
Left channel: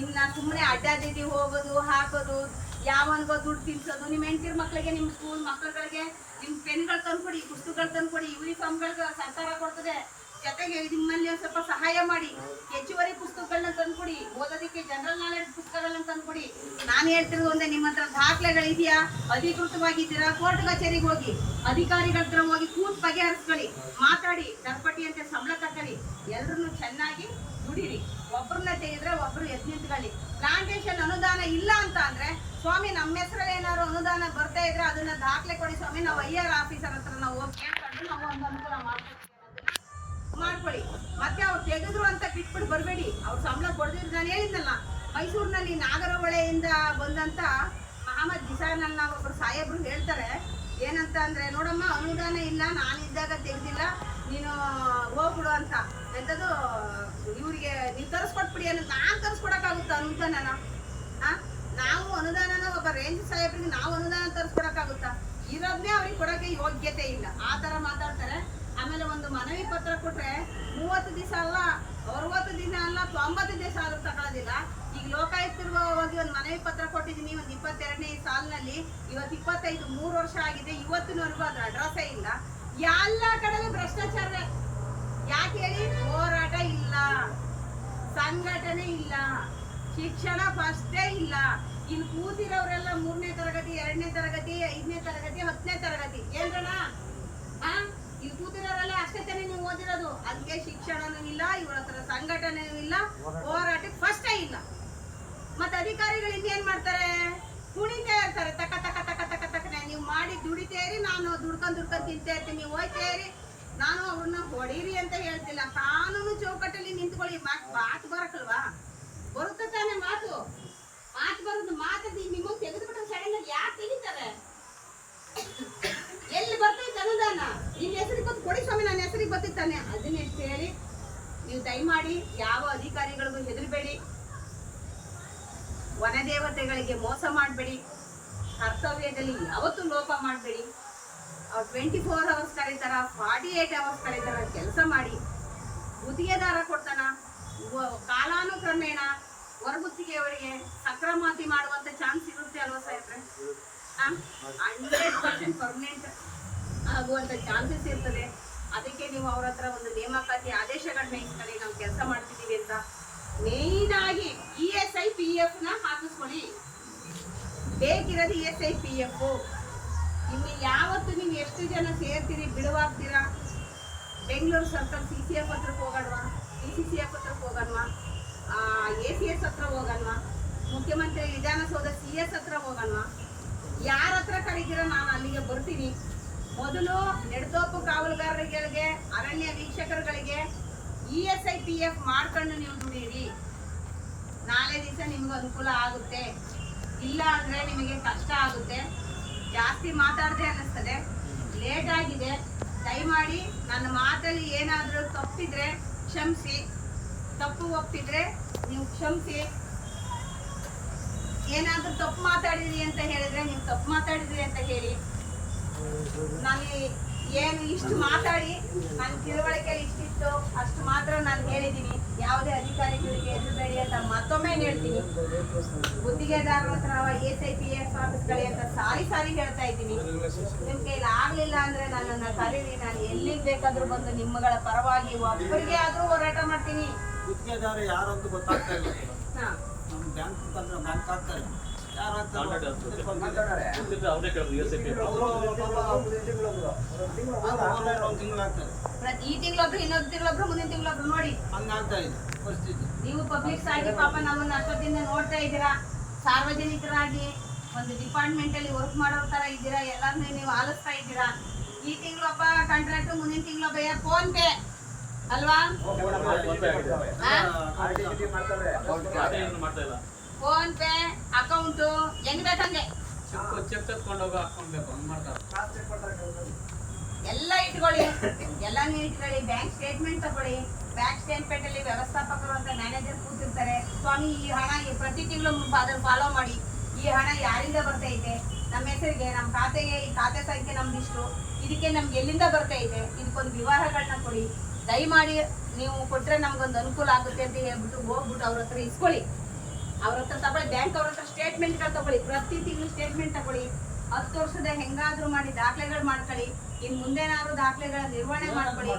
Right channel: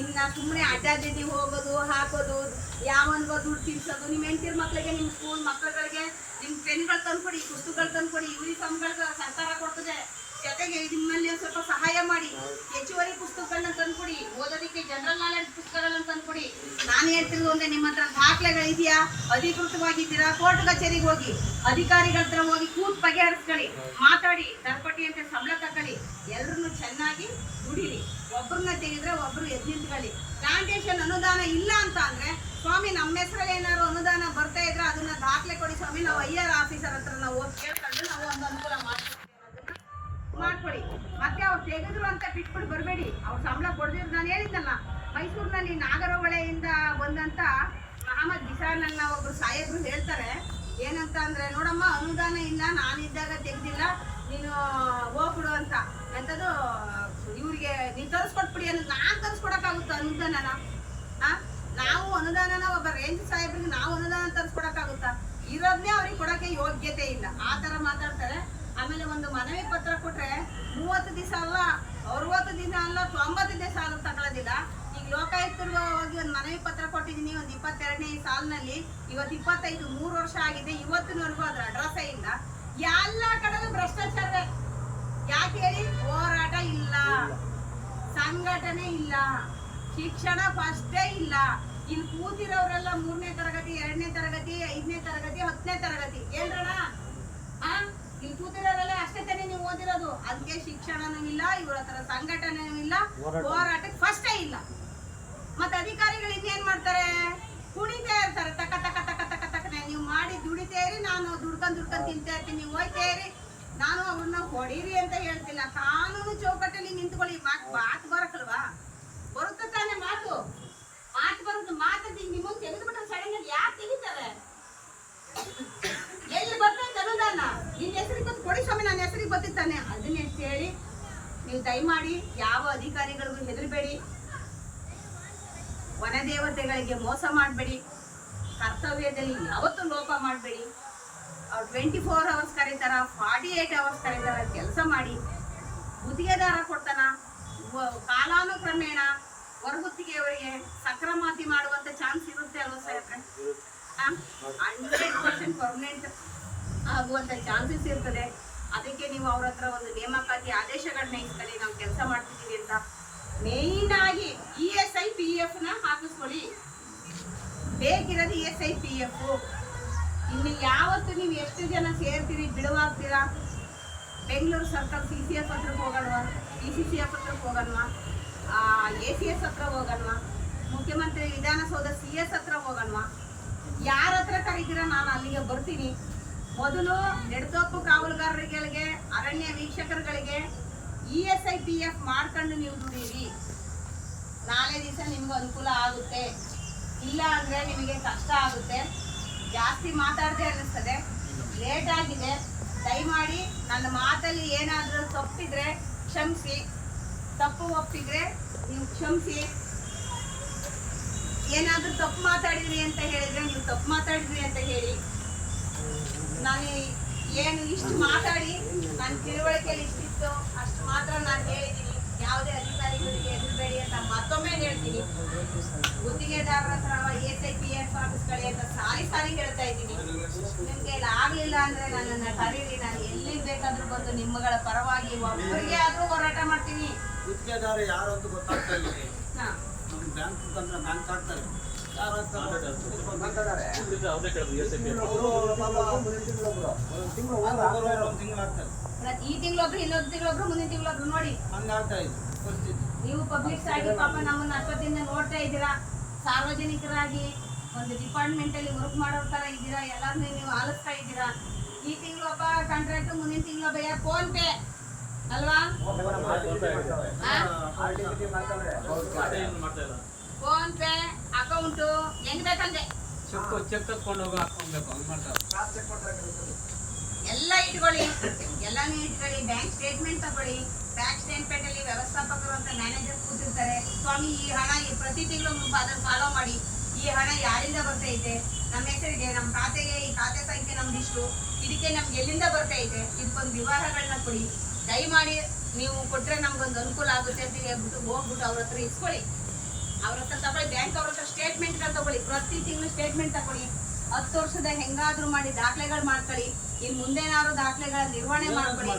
ಇನ್ನ ಸುಮ್ಮನೆ ಅಡ್ಡಾದಿಡ್ಡಿ ಹೋಗೋದು, ಹಾಕೋದು, ಯಾವನ್ಗೋ ದುಡ್ಡು ತಿನ್ಸೋದು ನಿಮ್ಮ ಹೆಂಡತಿರ್ ಮಕ್ಕಳಿಗೆ ನಿಮ್ಮ ಸ್ಕೂಲ್ ಮಕ್ಕಳುಗಳಿಗೆ ನಿಮ್ಮ ಪೆನ್ಗಳು ತಂದ್ಕೊಡಿ, ಪುಸ್ತಕಗಳು ತಂದ್ಕೊಡಿ ಯೂನಿಫಾರ್ಮ್ಗಳು ಸರ್ಕಾರ ಕೊಡ್ತದೆ. ಜೊತೆಗೆ ನಿಮ್ಮಲ್ಲಿ ಸ್ವಲ್ಪ ಸಹಾಯ ಮಾಡಿ. ಹೆಚ್ಚುವರಿ ಪುಸ್ತಕಗಳನ್ನ ತಂದ್ಕೊಡಿ. ಓದೋದಕ್ಕೆ ಜನರಲ್ ನಾಲೆಡ್ಜ್ ಪುಸ್ತಕಗಳನ್ನ ತಂದ್ಕೊಡಿ. ನಾನು ಹೇಳ್ತಿರೋದು ಒಂದೇ, ನಿಮ್ಮ ಹತ್ರ ದಾಖಲೆಗಳಿದೆಯಾ ಅಧಿಕೃತವಾಗಿದ್ದೀರಾ ಕೋರ್ಟ್ ಕಚೇರಿಗೆ ಹೋಗಿ, ಅಧಿಕಾರಿಗಳ ಹತ್ರ ಹೋಗಿ ಕೂತ್ ಬಗೆಹರಿಸ್ಕೊಳ್ಳಿ. ಮಾತಾಡಿ, ದರ್ಪಟಿ ಅಂತ ಸಂಬಳ ತಗೊಳ್ಳಿ ಎಲ್ಲರನ್ನು ಚೆನ್ನಾಗಿ ದುಡಿರಿ ಒಬ್ರನ್ನ ತೆಗೆದ್ರೆ ಒಬ್ರು ಎದ್ ಪ್ಲಾಂಟೇಶನ್ ಅನುದಾನ ಇಲ್ಲ ಅಂತ ಅಂದ್ರೆ, ಸ್ವಾಮಿ ನಮ್ಮ ಹೆಸರಲ್ಲಿ ಏನಾದ್ರು ಅನುದಾನ ಬರ್ತಾ ಇದ್ರೆ ಅದನ್ನ ದಾಖಲೆ ಕೊಡಿ ಸ್ವಾಮಿ. ನಾವು ಐ ಆರ್ ಆಫೀಸರ್ ಹತ್ರ ನಾವು ಹೋಗಿ ಕೇಳ್ಕೊಂಡು ನಾವು ಒಂದು ಅನುಕೂಲ ಅನ್ನೋದನ್ನ ಮಾಡ್ಕೊಳ್ಳಿ ಮತ್ತೆ ಅವ್ರು ತೆಗೆದ್ರು ಅಂತ ಬಿಟ್ಬಿಟ್ಟು ಬರಬೇಡಿ. ಅವ್ರು ಸಂಬಳ ಕೊಡ್ದಿದ್ರು ನಾನು ಹೇಳಿದ್ನಲ್ಲ, ಮೈಸೂರಿನಲ್ಲಿ ನಾಗರಹೊಳೆಯಿಂದ ಬಂದಂತ ಮಹಮ್ಮದ್ ಬಿಸಾನನ್ನ ಒಬ್ಬರು ಸಾಹೇಬ್ರು ಹೇಳ್ತಾರೆ. ಏನಂತ ಅಂದರೆ, ನೋಡಮ್ಮ, ಅನುದಾನ ಇಲ್ಲ ನಾನಿದ್ದಾಗ ತೆಗೆದಿಲ್ಲ, ನೀನು ಹೋಗ್ಬಿಡು ಅಂತ. ಎಂಥದ್ದು ಇವರಿಗೆ ನೀವು ತರಿಸ್ಕೊಟ್ಬಿಡಿ ಅನ್ನೋದು ನಾನು ತರಿಸ್ಕೊಡೋಕ್ಕಾಗುತ್ತಾ ಅನುದಾನನ? ಆ? ನಾವು ಅನುದಾನನ ಒಬ್ಬ ರೇಂಜ್ ಸಾಹೇಬ್ರಿಗೆ ನಾವು ಅನುದಾನ ತರಿಸ್ಕೊಡೋಕ್ಕಾಗುತ್ತಾ? ಇರೋದನ್ನೇ ಅವ್ರಿಗೆ ಕೊಡೋಕ್ಕೆ ಯೋಗ್ಯತೆ ಇಲ್ಲ. ಆ ಥರ ಮಾತಾಡ್ತಾರೆ. ಆಮೇಲೆ ಒಂದು ಮನವಿ ಪತ್ರ ಕೊಟ್ರೆ ಮೂವತ್ತು ದಿವಸ ಅಲ್ಲ, ಅರವತ್ತು ದಿನ ಅಲ್ಲ ತೊಂಬತ್ತು ದಿವಸ ಆದ್ರೂ ತಗೊಳ್ಳೋದಿಲ್ಲ ಈಗ ಲೋಕಾಯುಕ್ತರು ಹೋಗಿ ಒಂದು ಮನವಿ ಪತ್ರ ಕೊಟ್ಟಿದ್ದೀನಿ, ಒಂದು ಇಪ್ಪತ್ತೆರಡನೇ ಸಾಲಿನಲ್ಲಿ. ಇವತ್ತು ಇಪ್ಪತ್ತೈದು, ಮೂರು ವರ್ಷ ಆಗಿದೆ. ಇವತ್ತಿನವರೆಗೂ ಅದ್ರ ಅಡ್ರೆಸ್ಸೇ ಇಲ್ಲ. ಎಲ್ಲ ಕಡೆನೂ ಭ್ರಷ್ಟಾಚಾರವೇ. ಯಾಕೆ ಹೇಳಿ? ಹೋರಾಟ ಇಲ್ಲ. ಸಂಘಟನೆ ಇಲ್ಲ. ಶಿಕ್ಷಣ ಫಸ್ಟೇ ಇಲ್ಲ. ಇಲ್ಲಿ ಕೂತಿರೋರೆಲ್ಲ ಮೂರನೇ ತರಗತಿ, ಎರಡನೇ ತರಗತಿ, ಐದನೇ ತರಗತಿ, ಹತ್ತನೇ ತರಗತಿ. ಏನ್ರಣ್ಣ? ಇಲ್ಲಿ ಕೂತಿರೋರೆಲ್ಲ ಅಷ್ಟೇ ತಾನೇ ನೀವು ಓದಿರೋದು. ಅದಕ್ಕೆ ಶಿಕ್ಷಣನೂ ಇಲ್ಲ ಇವ್ರ ಹತ್ರ ಸಂಘಟನೆಯೂ ಇಲ್ಲ ಹೋರಾಟಕ್ಕೆ ಫಸ್ಟೇ ಇಲ್ಲ. ಮತ್ತೆ ಅಧಿಕಾರಿಗಳು ಇನ್ನೇನ್ ಮಾಡ್ತಾರೆ? ಕುಣಿತಾ ಇರ್ತಾರೆ. ತಕ ತಕ ತಕ ತಕ ತಕನೆ. ನೀವು ಮಾಡಿ ದುಡಿತಾ ಇರಿ ನಾನು ದುಡ್ಕೊಂಡ್ ದುಡ್ಕೊಂಡ್ ತಿಂತಾ ಇರ್ತೀನಿ. ನೀವು ಹೋಯ್ತಾ ಇರಿ. ನಾನು ಅವ್ರನ್ನ ಹೊಡೀರಿ ಅಂತ ಹೇಳ್ತಿಲ್ಲ. ಕಾನೂನು ಚೌಕಟ್ಟಲ್ಲಿ ನಿಂತ್ಕೊಳ್ಳಿ. ಮಾತು ಮಾತು ಬರಕಲ್ವಾ? ಬರುತ್ತೆ ತಾನೇ ಮಾತು. ಮಾತು ಬರೋದು ಮಾತು ನಿಮಗೆ ತೆಗೆದುಬಿಟ್ಟು ಸಡನ್ ಯಾಕೆ ತೆಗಿತಾರೆ? ಎಲ್ಲಿ ಬರ್ತೈತೆ ಅನುದಾನ ನಿನ್ನ ಹೆಸರಿಗೆ ಬಂದು ಕೊಡಿ ಸ್ವಾಮಿ, ನನ್ನ ಹೆಸರಿಗೆ ಅದನ್ನ ಅಂತ ಹೇಳಿ ನೀವು ದಯಮಾಡಿ ಯಾವ ಅಧಿಕಾರಿಗಳಿಗೂ ಹೆದರಬೇಡಿ. ವನದೇವತೆಗಳಿಗೆ ಮೋಸ ಮಾಡಬೇಡಿ. ಕರ್ತವ್ಯದಲ್ಲಿ ಯಾವತ್ತೂ ಲೋಪ ಮಾಡಬೇಡಿ. ಅವ್ರು ಟ್ವೆಂಟಿ ಫೋರ್ ಅವರ್ಸ್ ಕರೀತಾರ ಫಾರ್ಟಿ ಏಟ್ ಅವರ್ಸ್ ಕರೀತಾರ, ಕೆಲಸ ಮಾಡಿ. ಗುತ್ತಿಗೆದಾರ ಕೊಡ್ತಾನ. ಕಾಲಾನುಕ್ರಮೇಣ ಹೊರಗುತ್ತಿಗೆಯವರಿಗೆ ಸಕ್ರಮಾತಿ ಮಾಡುವಂತ ಚಾನ್ಸ್ ಇರುತ್ತೆ ಅಲ್ವಾ ಸಾಹೇಬ್ರೆ? ಹಂಡ್ರೆಡ್ ಪರ್ಸೆಂಟ್ ಪರ್ಮನೆಂಟ್ ಆಗುವಂತ ಚಾನ್ಸಸ್ ಇರ್ತದೆ. ಅದಕ್ಕೆ ನೀವು ಅವ್ರ ಹತ್ರ ಒಂದು ನೇಮಕಾತಿ ಆದೇಶಗಳನ್ನ ಇಸ್ಕೊಳ್ಳಿ ನಾವು ಕೆಲಸ ಮಾಡ್ತಿದ್ದೀವಿ ಅಂತ ಮೇಯ್ನಾಗಿ ಇ ಎಸ್ ಐ ಪಿ ಎಫ್ನ ಹಾಕಿಸ್ಕೊಳ್ಳಿ. ಬೇಕಿರೋದು E S I P F ಇಲ್ಲಿ ಯಾವತ್ತು ನೀವು ಎಷ್ಟು ಜನ ಸೇರ್ತೀರಿ, ಬಿಡುವಾಗ್ತೀರಾ? ಬೆಂಗಳೂರು ಸರ್ಕಾರ ಸಿ ಸಿ ಎಫ್ ಹತ್ರಕ್ಕೆ ಹೋಗೋಣವಾ ಡಿ ಸಿ ಸಿ ಎಫ್ ಹತ್ರಕ್ಕೆ ಹೋಗೋಣವಾ ಎ ಸಿ ಎಸ್ ಹತ್ರ ಹೋಗೋಣವಾ ಮುಖ್ಯಮಂತ್ರಿ ವಿಧಾನಸೌಧ ಸಿ ಎಸ್ ಹತ್ರ ಹೋಗೋಣವಾ ಯಾರ ಹತ್ರ ಕರೀತೀರ? ನಾನು ಅಲ್ಲಿಗೆ ಬರ್ತೀನಿ. ಮೊದಲು ನೆಡತೋಪು ಕಾವಲುಗಾರರಿಗೆ ಅರಣ್ಯ ವೀಕ್ಷಕರುಗಳಿಗೆ E S I P F ಮಾಡ್ಕೊಂಡು ನೀವು ದುಡೀರಿ. ನಾಳೆ ದಿವಸ ನಿಮ್ಗೆ ಅನುಕೂಲ ಆಗುತ್ತೆ. ಇಲ್ಲ ಅಂದ್ರೆ ನಿಮಗೆ ಕಷ್ಟ ಆಗುತ್ತೆ. ಜಾಸ್ತಿ ಮಾತಾಡದೆ ಅನ್ನಿಸ್ತದೆ. ಲೇಟ್ ಆಗಿದೆ. ದಯಮಾಡಿ ನನ್ನ ಮಾತಲ್ಲಿ ಏನಾದರೂ ತಪ್ಪಿದ್ರೆ ಕ್ಷಮಿಸಿ. ತಪ್ಪು ಒಪ್ಪಿದ್ರೆ ನೀವು ಕ್ಷಮಿಸಿ. ಏನಾದರೂ ತಪ್ಪು ಮಾತಾಡಿದ್ರಿ ಅಂತ ಹೇಳಿದ್ರೆ ನೀವು ತಪ್ಪು ಮಾತಾಡಿದ್ರಿ ಅಂತ ಹೇಳಿ. ನಾನು ಏನು ಇಷ್ಟು ಮಾತಾಡಿ ನನ್ನ ತಿಳುವಳಿಕೆಯಲ್ಲಿ ಇಷ್ಟಿತ್ತು ಅಷ್ಟು ಮಾತ್ರ ನಾನು ಹೇಳಿದ್ದೀನಿ. ಯಾವುದೇ ಅಧಿಕಾರಿಗಳಿಗೆ ಎದುರುಬೇಡಿ ಅಂತ ಮತ್ತೊಮ್ಮೆ ಹೇಳ್ತೀನಿ. ಗುತ್ತಿಗೆದಾರರ ಹತ್ರ ಎಸ್ ಐ ಪಿ ಎಸ್ ಆಫೀಸ್ಗಳಿ ಅಂತ ಸಾರಿ ಸಾರಿ ಹೇಳ್ತಾ ಇದ್ದೀನಿ. ನಿಮ್ಗೆ ಕೈಲಿ ಆಗ್ಲಿಲ್ಲ ಅಂದ್ರೆ ನನ್ನನ್ನ ಕರೀರಿ ನಾನು ಎಲ್ಲಿಗೆ ಬೇಕಾದ್ರೂ ಬಂದು ನಿಮ್ಮಗಳ ಪರವಾಗಿ ಒಬ್ಬರಿಗೆ ಆದ್ರೂ ಹೋರಾಟ ಮಾಡ್ತೀನಿ. ಗುತ್ತಿಗೆದಾರ ಯಾರು ಅಂತ ಗೊತ್ತಾಗ್ತಾ ಇಲ್ಲ. ಬ್ಯಾಂಕ್ ಅಂತಂದ್ರೆ ಬ್ಯಾಂಕ್ ಆಗ್ತಾ ಯಾರು ಈ ತಿಂಗಳೊಬ್ರು ಇನ್ನೊಂದು ತಿಂಗಳೊಬ್ರು ಮುಂದಿನ ತಿಂಗಳೊಬ್ರು ನೋಡಿ. ಹಂಗೆ ಆಗ್ತಾ ಇದೆ ಪರಿಸ್ಥಿತಿ ನೀವು ಪಬ್ಲಿಕ್ಸ್ ಆಗಿ ಪಾಪ ನಮ್ಮನ್ನ ಅಷ್ಟೊತ್ತಿಂದ ನೋಡ್ತಾ ಇದ್ದೀರಾ? ಸಾರ್ವಜನಿಕರಾಗಿ ಒಂದು ಡಿಪಾರ್ಟ್ಮೆಂಟ್ ಅಲ್ಲಿ ವರ್ಕ್ ಮಾಡೋ ತರ ಇದ್ದೀರಾ? ಎಲ್ಲಾರ್ನು ನೀವು ಆಲಿಸ್ತಾ ಇದ್ದೀರಾ? ಈ ತಿಂಗಳೊಬ್ಬ ಕಾಂಟ್ರಾಕ್ಟ್ ಮುಂದಿನ ತಿಂಗಳೊಬ್ಬ ಯಾರು ಫೋನ್ ಪೇ. ಅಲ್ವಾ? ಫೋನ್ ಪೇ ಅಕೌಂಟ್ ಹೆಂಗ್ ಬೇಕಂಗೆ ಚೆಕ್ ಚೆಕ್ ತಕೊಂಡು ಹೋಗೋ ಹಾಕೊಂಡ್ಬೇಕು ಹಂಗ್ ಮಾಡ್ತಾರೆ. ಎಲ್ಲ ಇಟ್ಕೊಳ್ಳಿ. ಎಲ್ಲಾನು ಇಟ್ಕೊಳ್ಳಿ. ಬ್ಯಾಂಕ್ ಸ್ಟೇಟ್ಮೆಂಟ್ ತಗೊಳ್ಳಿ. ಬ್ಯಾಂಕ್ ಸ್ಟೇಟ್ಮೆಂಟ್ ಅಲ್ಲಿ ವ್ಯವಸ್ಥಾಪಕರು ಅಂತ ಮ್ಯಾನೇಜರ್ ಕೂತಿರ್ತಾರೆ. ಸ್ವಾಮಿ ಈ ಹಣ ಈ ಪ್ರತಿ ತಿಂಗಳು ಅದನ್ನು ಫಾಲೋ ಮಾಡಿ. ಈ ಹಣ ಯಾರಿಂದ ಬರ್ತಾ ಇದೆ? ನಮ್ಮ ಹೆಸರಿಗೆ ನಮ್ಮ ಖಾತೆಗೆ ಈ ಖಾತೆ ಸಂಖ್ಯೆ ನಮ್ದು ಇಷ್ಟು ಇದಕ್ಕೆ ನಮ್ಗೆ ಎಲ್ಲಿಂದ ಬರ್ತಾ ಇದೆ? ಇದಕ್ಕೊಂದು ವಿವರಗಳನ್ನ ಕೊಡಿ. ದಯಮಾಡಿ ನೀವು ಕೊಟ್ರೆ ನಮ್ಗೊಂದು ಅನುಕೂಲ ಆಗುತ್ತೆ ಅಂತ ಹೇಳ್ಬಿಟ್ಟು ಹೋಗ್ಬಿಟ್ಟು ಅವ್ರ ಹತ್ರ ಇಸ್ಕೊಳ್ಳಿ. ಅವ್ರ ಹತ್ರ ತಗೊಳ್ಳಿ ಬ್ಯಾಂಕ್ ಅವ್ರ ಹತ್ರ ಸ್ಟೇಟ್ಮೆಂಟ್ ತಗೊಳ್ಳಿ. ಪ್ರತಿ ತಿಂಗಳು ಸ್ಟೇಟ್ಮೆಂಟ್ ತಗೊಳ್ಳಿ. ಹತ್ತು ವರ್ಷದ ಹೆಂಗಾದ್ರೂ ಮಾಡಿ ದಾಖಲೆಗಳು ಮಾಡ್ಕೊಳ್ಳಿ. ಇನ್ ಮುಂದೇನಾದ್ರು ದಾಖಲೆಗಳ ನಿರ್ವಹಣೆ ಮಾಡ್ಕೊಳ್ಳಿ.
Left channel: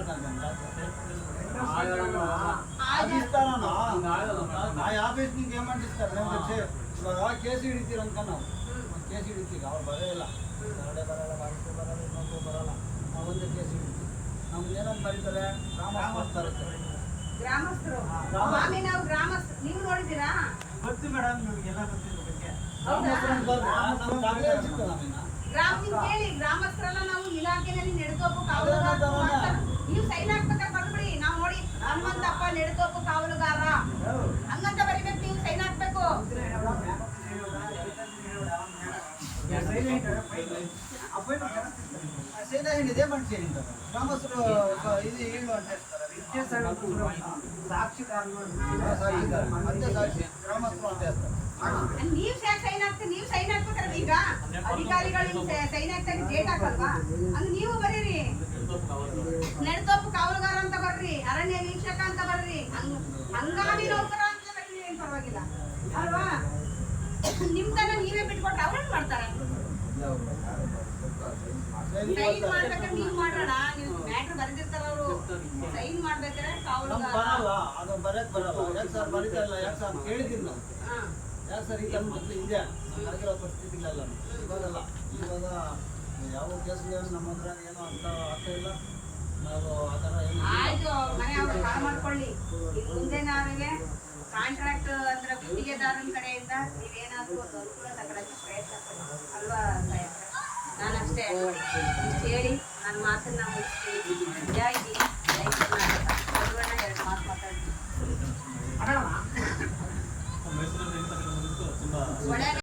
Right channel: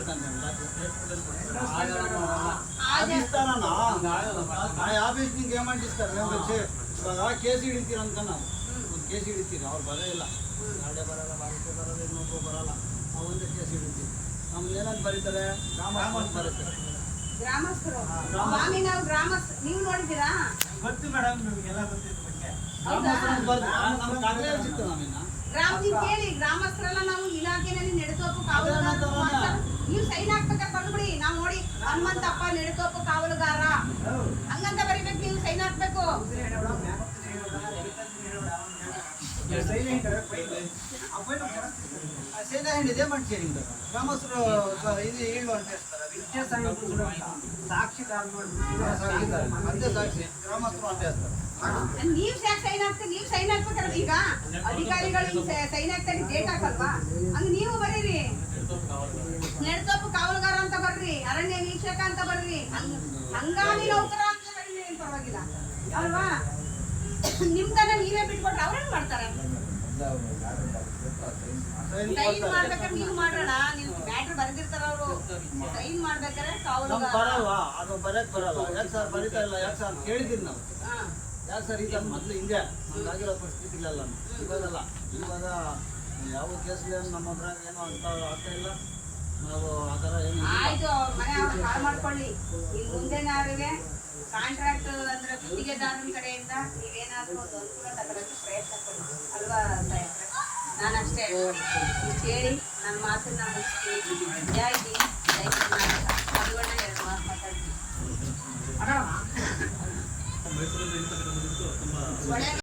ಇವಾಗ ಕೇಸ್ ಹಿಡಿತೀರಂತ ನಾವು. ಒಂದು ಕೇಸ್ ಹಿಡಿತೀವಿ ಅವ್ರು ಬರೇ ಇಲ್ಲ. ಗಾಡಿ ಬರಲ್ಲ ಬರಲ್ಲ ಇನ್ನೊಬ್ಬರು ಬರಲ್ಲ. ನಾವು ಒಂದೇ ಕೇಸ್ ಹಿಡಿತೀವಿ. ನಮ್ಗೆ ಏನಂತ ಬರೀತಾರೆ? ರಾಮ ಬರೀತಾರೆ. ಗ್ರಾಮಸ್ಥರು. ಸ್ವಾಮಿ ನಾವು ಗ್ರಾಮಸ್ಥರು ನೀವು ನೋಡಿದ್ದೀರಾ? ಗೊತ್ತು ಮೇಡಮ್ ನಿಮಗೆಲ್ಲ ಗೊತ್ತಿತ್ತು ಬಗ್ಗೆ. ಹೌದಾ? ನಮ್ಗೆ ದಾಖಲೆ ಸಿಗ್ತದೆ ನಾವಿನ್ನ. ಗ್ರಾಮ ನೀವು ಕೇಳಿ ಗ್ರಾಮಸ್ಥರೆಲ್ಲ ನಾವು ಇಲಾಖೆನಲ್ಲಿ ನೆಡತೋಪು ಕಾವಲುಗಾರರು ನೀವು ಸೈನ್ ಹಾಕ್ಬೇಕಾದ್ರೆ ಬರ್ಬಿಡಿ ನಾವು ನೋಡಿ ಹನುಮಂತಪ್ಪ ನೆಡತೋಪು ಕಾವಲುಗಾರ. ಹಂಗಂತ ಬರೀಬೇಕು ನೀವು ಸೈನ್ ಹಾಕ್ಬೇಕು. ಸೇನಾ ಹೇಳಿದೆ ಗ್ರಾಮಸ್ಥರು ಇದು ಹೇಳುವ ಅಂತ ಹೇಳ್ತಾರೆ ನೀವ್ ನೀವು ಸೈನ್ ಹಾಕ್ಬೇಕಾದ್ರೆ ಈಗ ಅಧಿಕಾರಿಗಳು ಸೈನ್ ಹಾಕ್ತಾರೆ ಡೇಟ್ ಹಾಕಲ್ವಾ? ಹಂಗ ನೀವು ಬರೀರಿ. ನೆಡತೋಪು ಕಾವಲುಗಾರ ಅಂತ ಬರ್ರಿ, ಅರಣ್ಯ ವೀಕ್ಷಕ ಅಂತ ಬರ್ರಿ. ಹಂಗ- ಹಂಗಾಮಿ ನೌಕರ ಅಂತ ಪರವಾಗಿಲ್ಲ. ಅಲ್ವಾ? ನಿಮ್ ನೀವೇ ಬಿಟ್ಕೊಟ್ರೆ ಅವ್ರೇನ್ ಮಾಡ್ತಾರೆ? ಸೈನ್ ಸೈನ್ ಮಾಡ್ಬೇಕಾದ್ರೆ ನೀವು ಮಾಡೋಣ. ನೀವು ಮ್ಯಾಟ್ರ್ ಬರೆದಿರ್ತಾರ ಅವರು. ಸೈನ್ ಮಾಡ್ಬೇಕಾದ್ರೆ ನಮ್ಗೆ ಬರಲ್ಲ. ಅದು ಬರಕ್ ಬರಲ್ಲ. ಯಾಕೆ ಸರ್ ಬರೀತಾ ಇಲ್ಲ? ಯಾಕೆ ಸರ್ ಕೇಳಿದ್ದೀನಿ ನಾವು ಹಾ. ಯಾಕೆ ಸರ್ ಈಗ ಮೊದಲು ಹಿಂದೆ ನಮ್ಗಾಗಿರೋ ಪರಿಸ್ಥಿತಿಗಳೆಲ್ಲ ಇವಾಗಲ್ಲ. ಇವಾಗ ಯಾವ ಕೇಸ್ಗಳು ನಮ್ಮ ಹತ್ರ ಏನೋ ಅಂತ ಆಗ್ತಾ ಇಲ್ಲ. ನಾವು ಆ ಥರ ಏನು ಆಯ್ತು ಅವ್ರ ಮನೆ ಅವ್ರು ಹಾಳು ಮಾಡ್ಕೊಳ್ಳಿ. ಇನ್ ಮುಂದೆನವ್ರಿಗೆ ಕಾಂಟ್ರಾಕ್ಟ್ ಅಂದ್ರೆ ಗುತ್ತಿಗೆದಾರನ ಕಡೆಯಿಂದ ನೀವೇನಾದ್ರೂ ಅನುಕೂಲ ತಗೊಳಕ್ಕೆ ಪ್ರಯತ್ನ ಪಡಿ. ಅಲ್ವಾ ನಾನಷ್ಟೇ. ಹೇಳಿ ನನ್ನ ಮಾತನ್ನ ಮುಗಿಸ್ತೀನಿ. ಜೈ ಹಿಂದ್ ಜೈ ಕರ್ನಾಟಕ. ಮಧುವಣ್ಣ ಎರಡು ಮಾತು ಮಾತಾಡ್ತೀನಿ.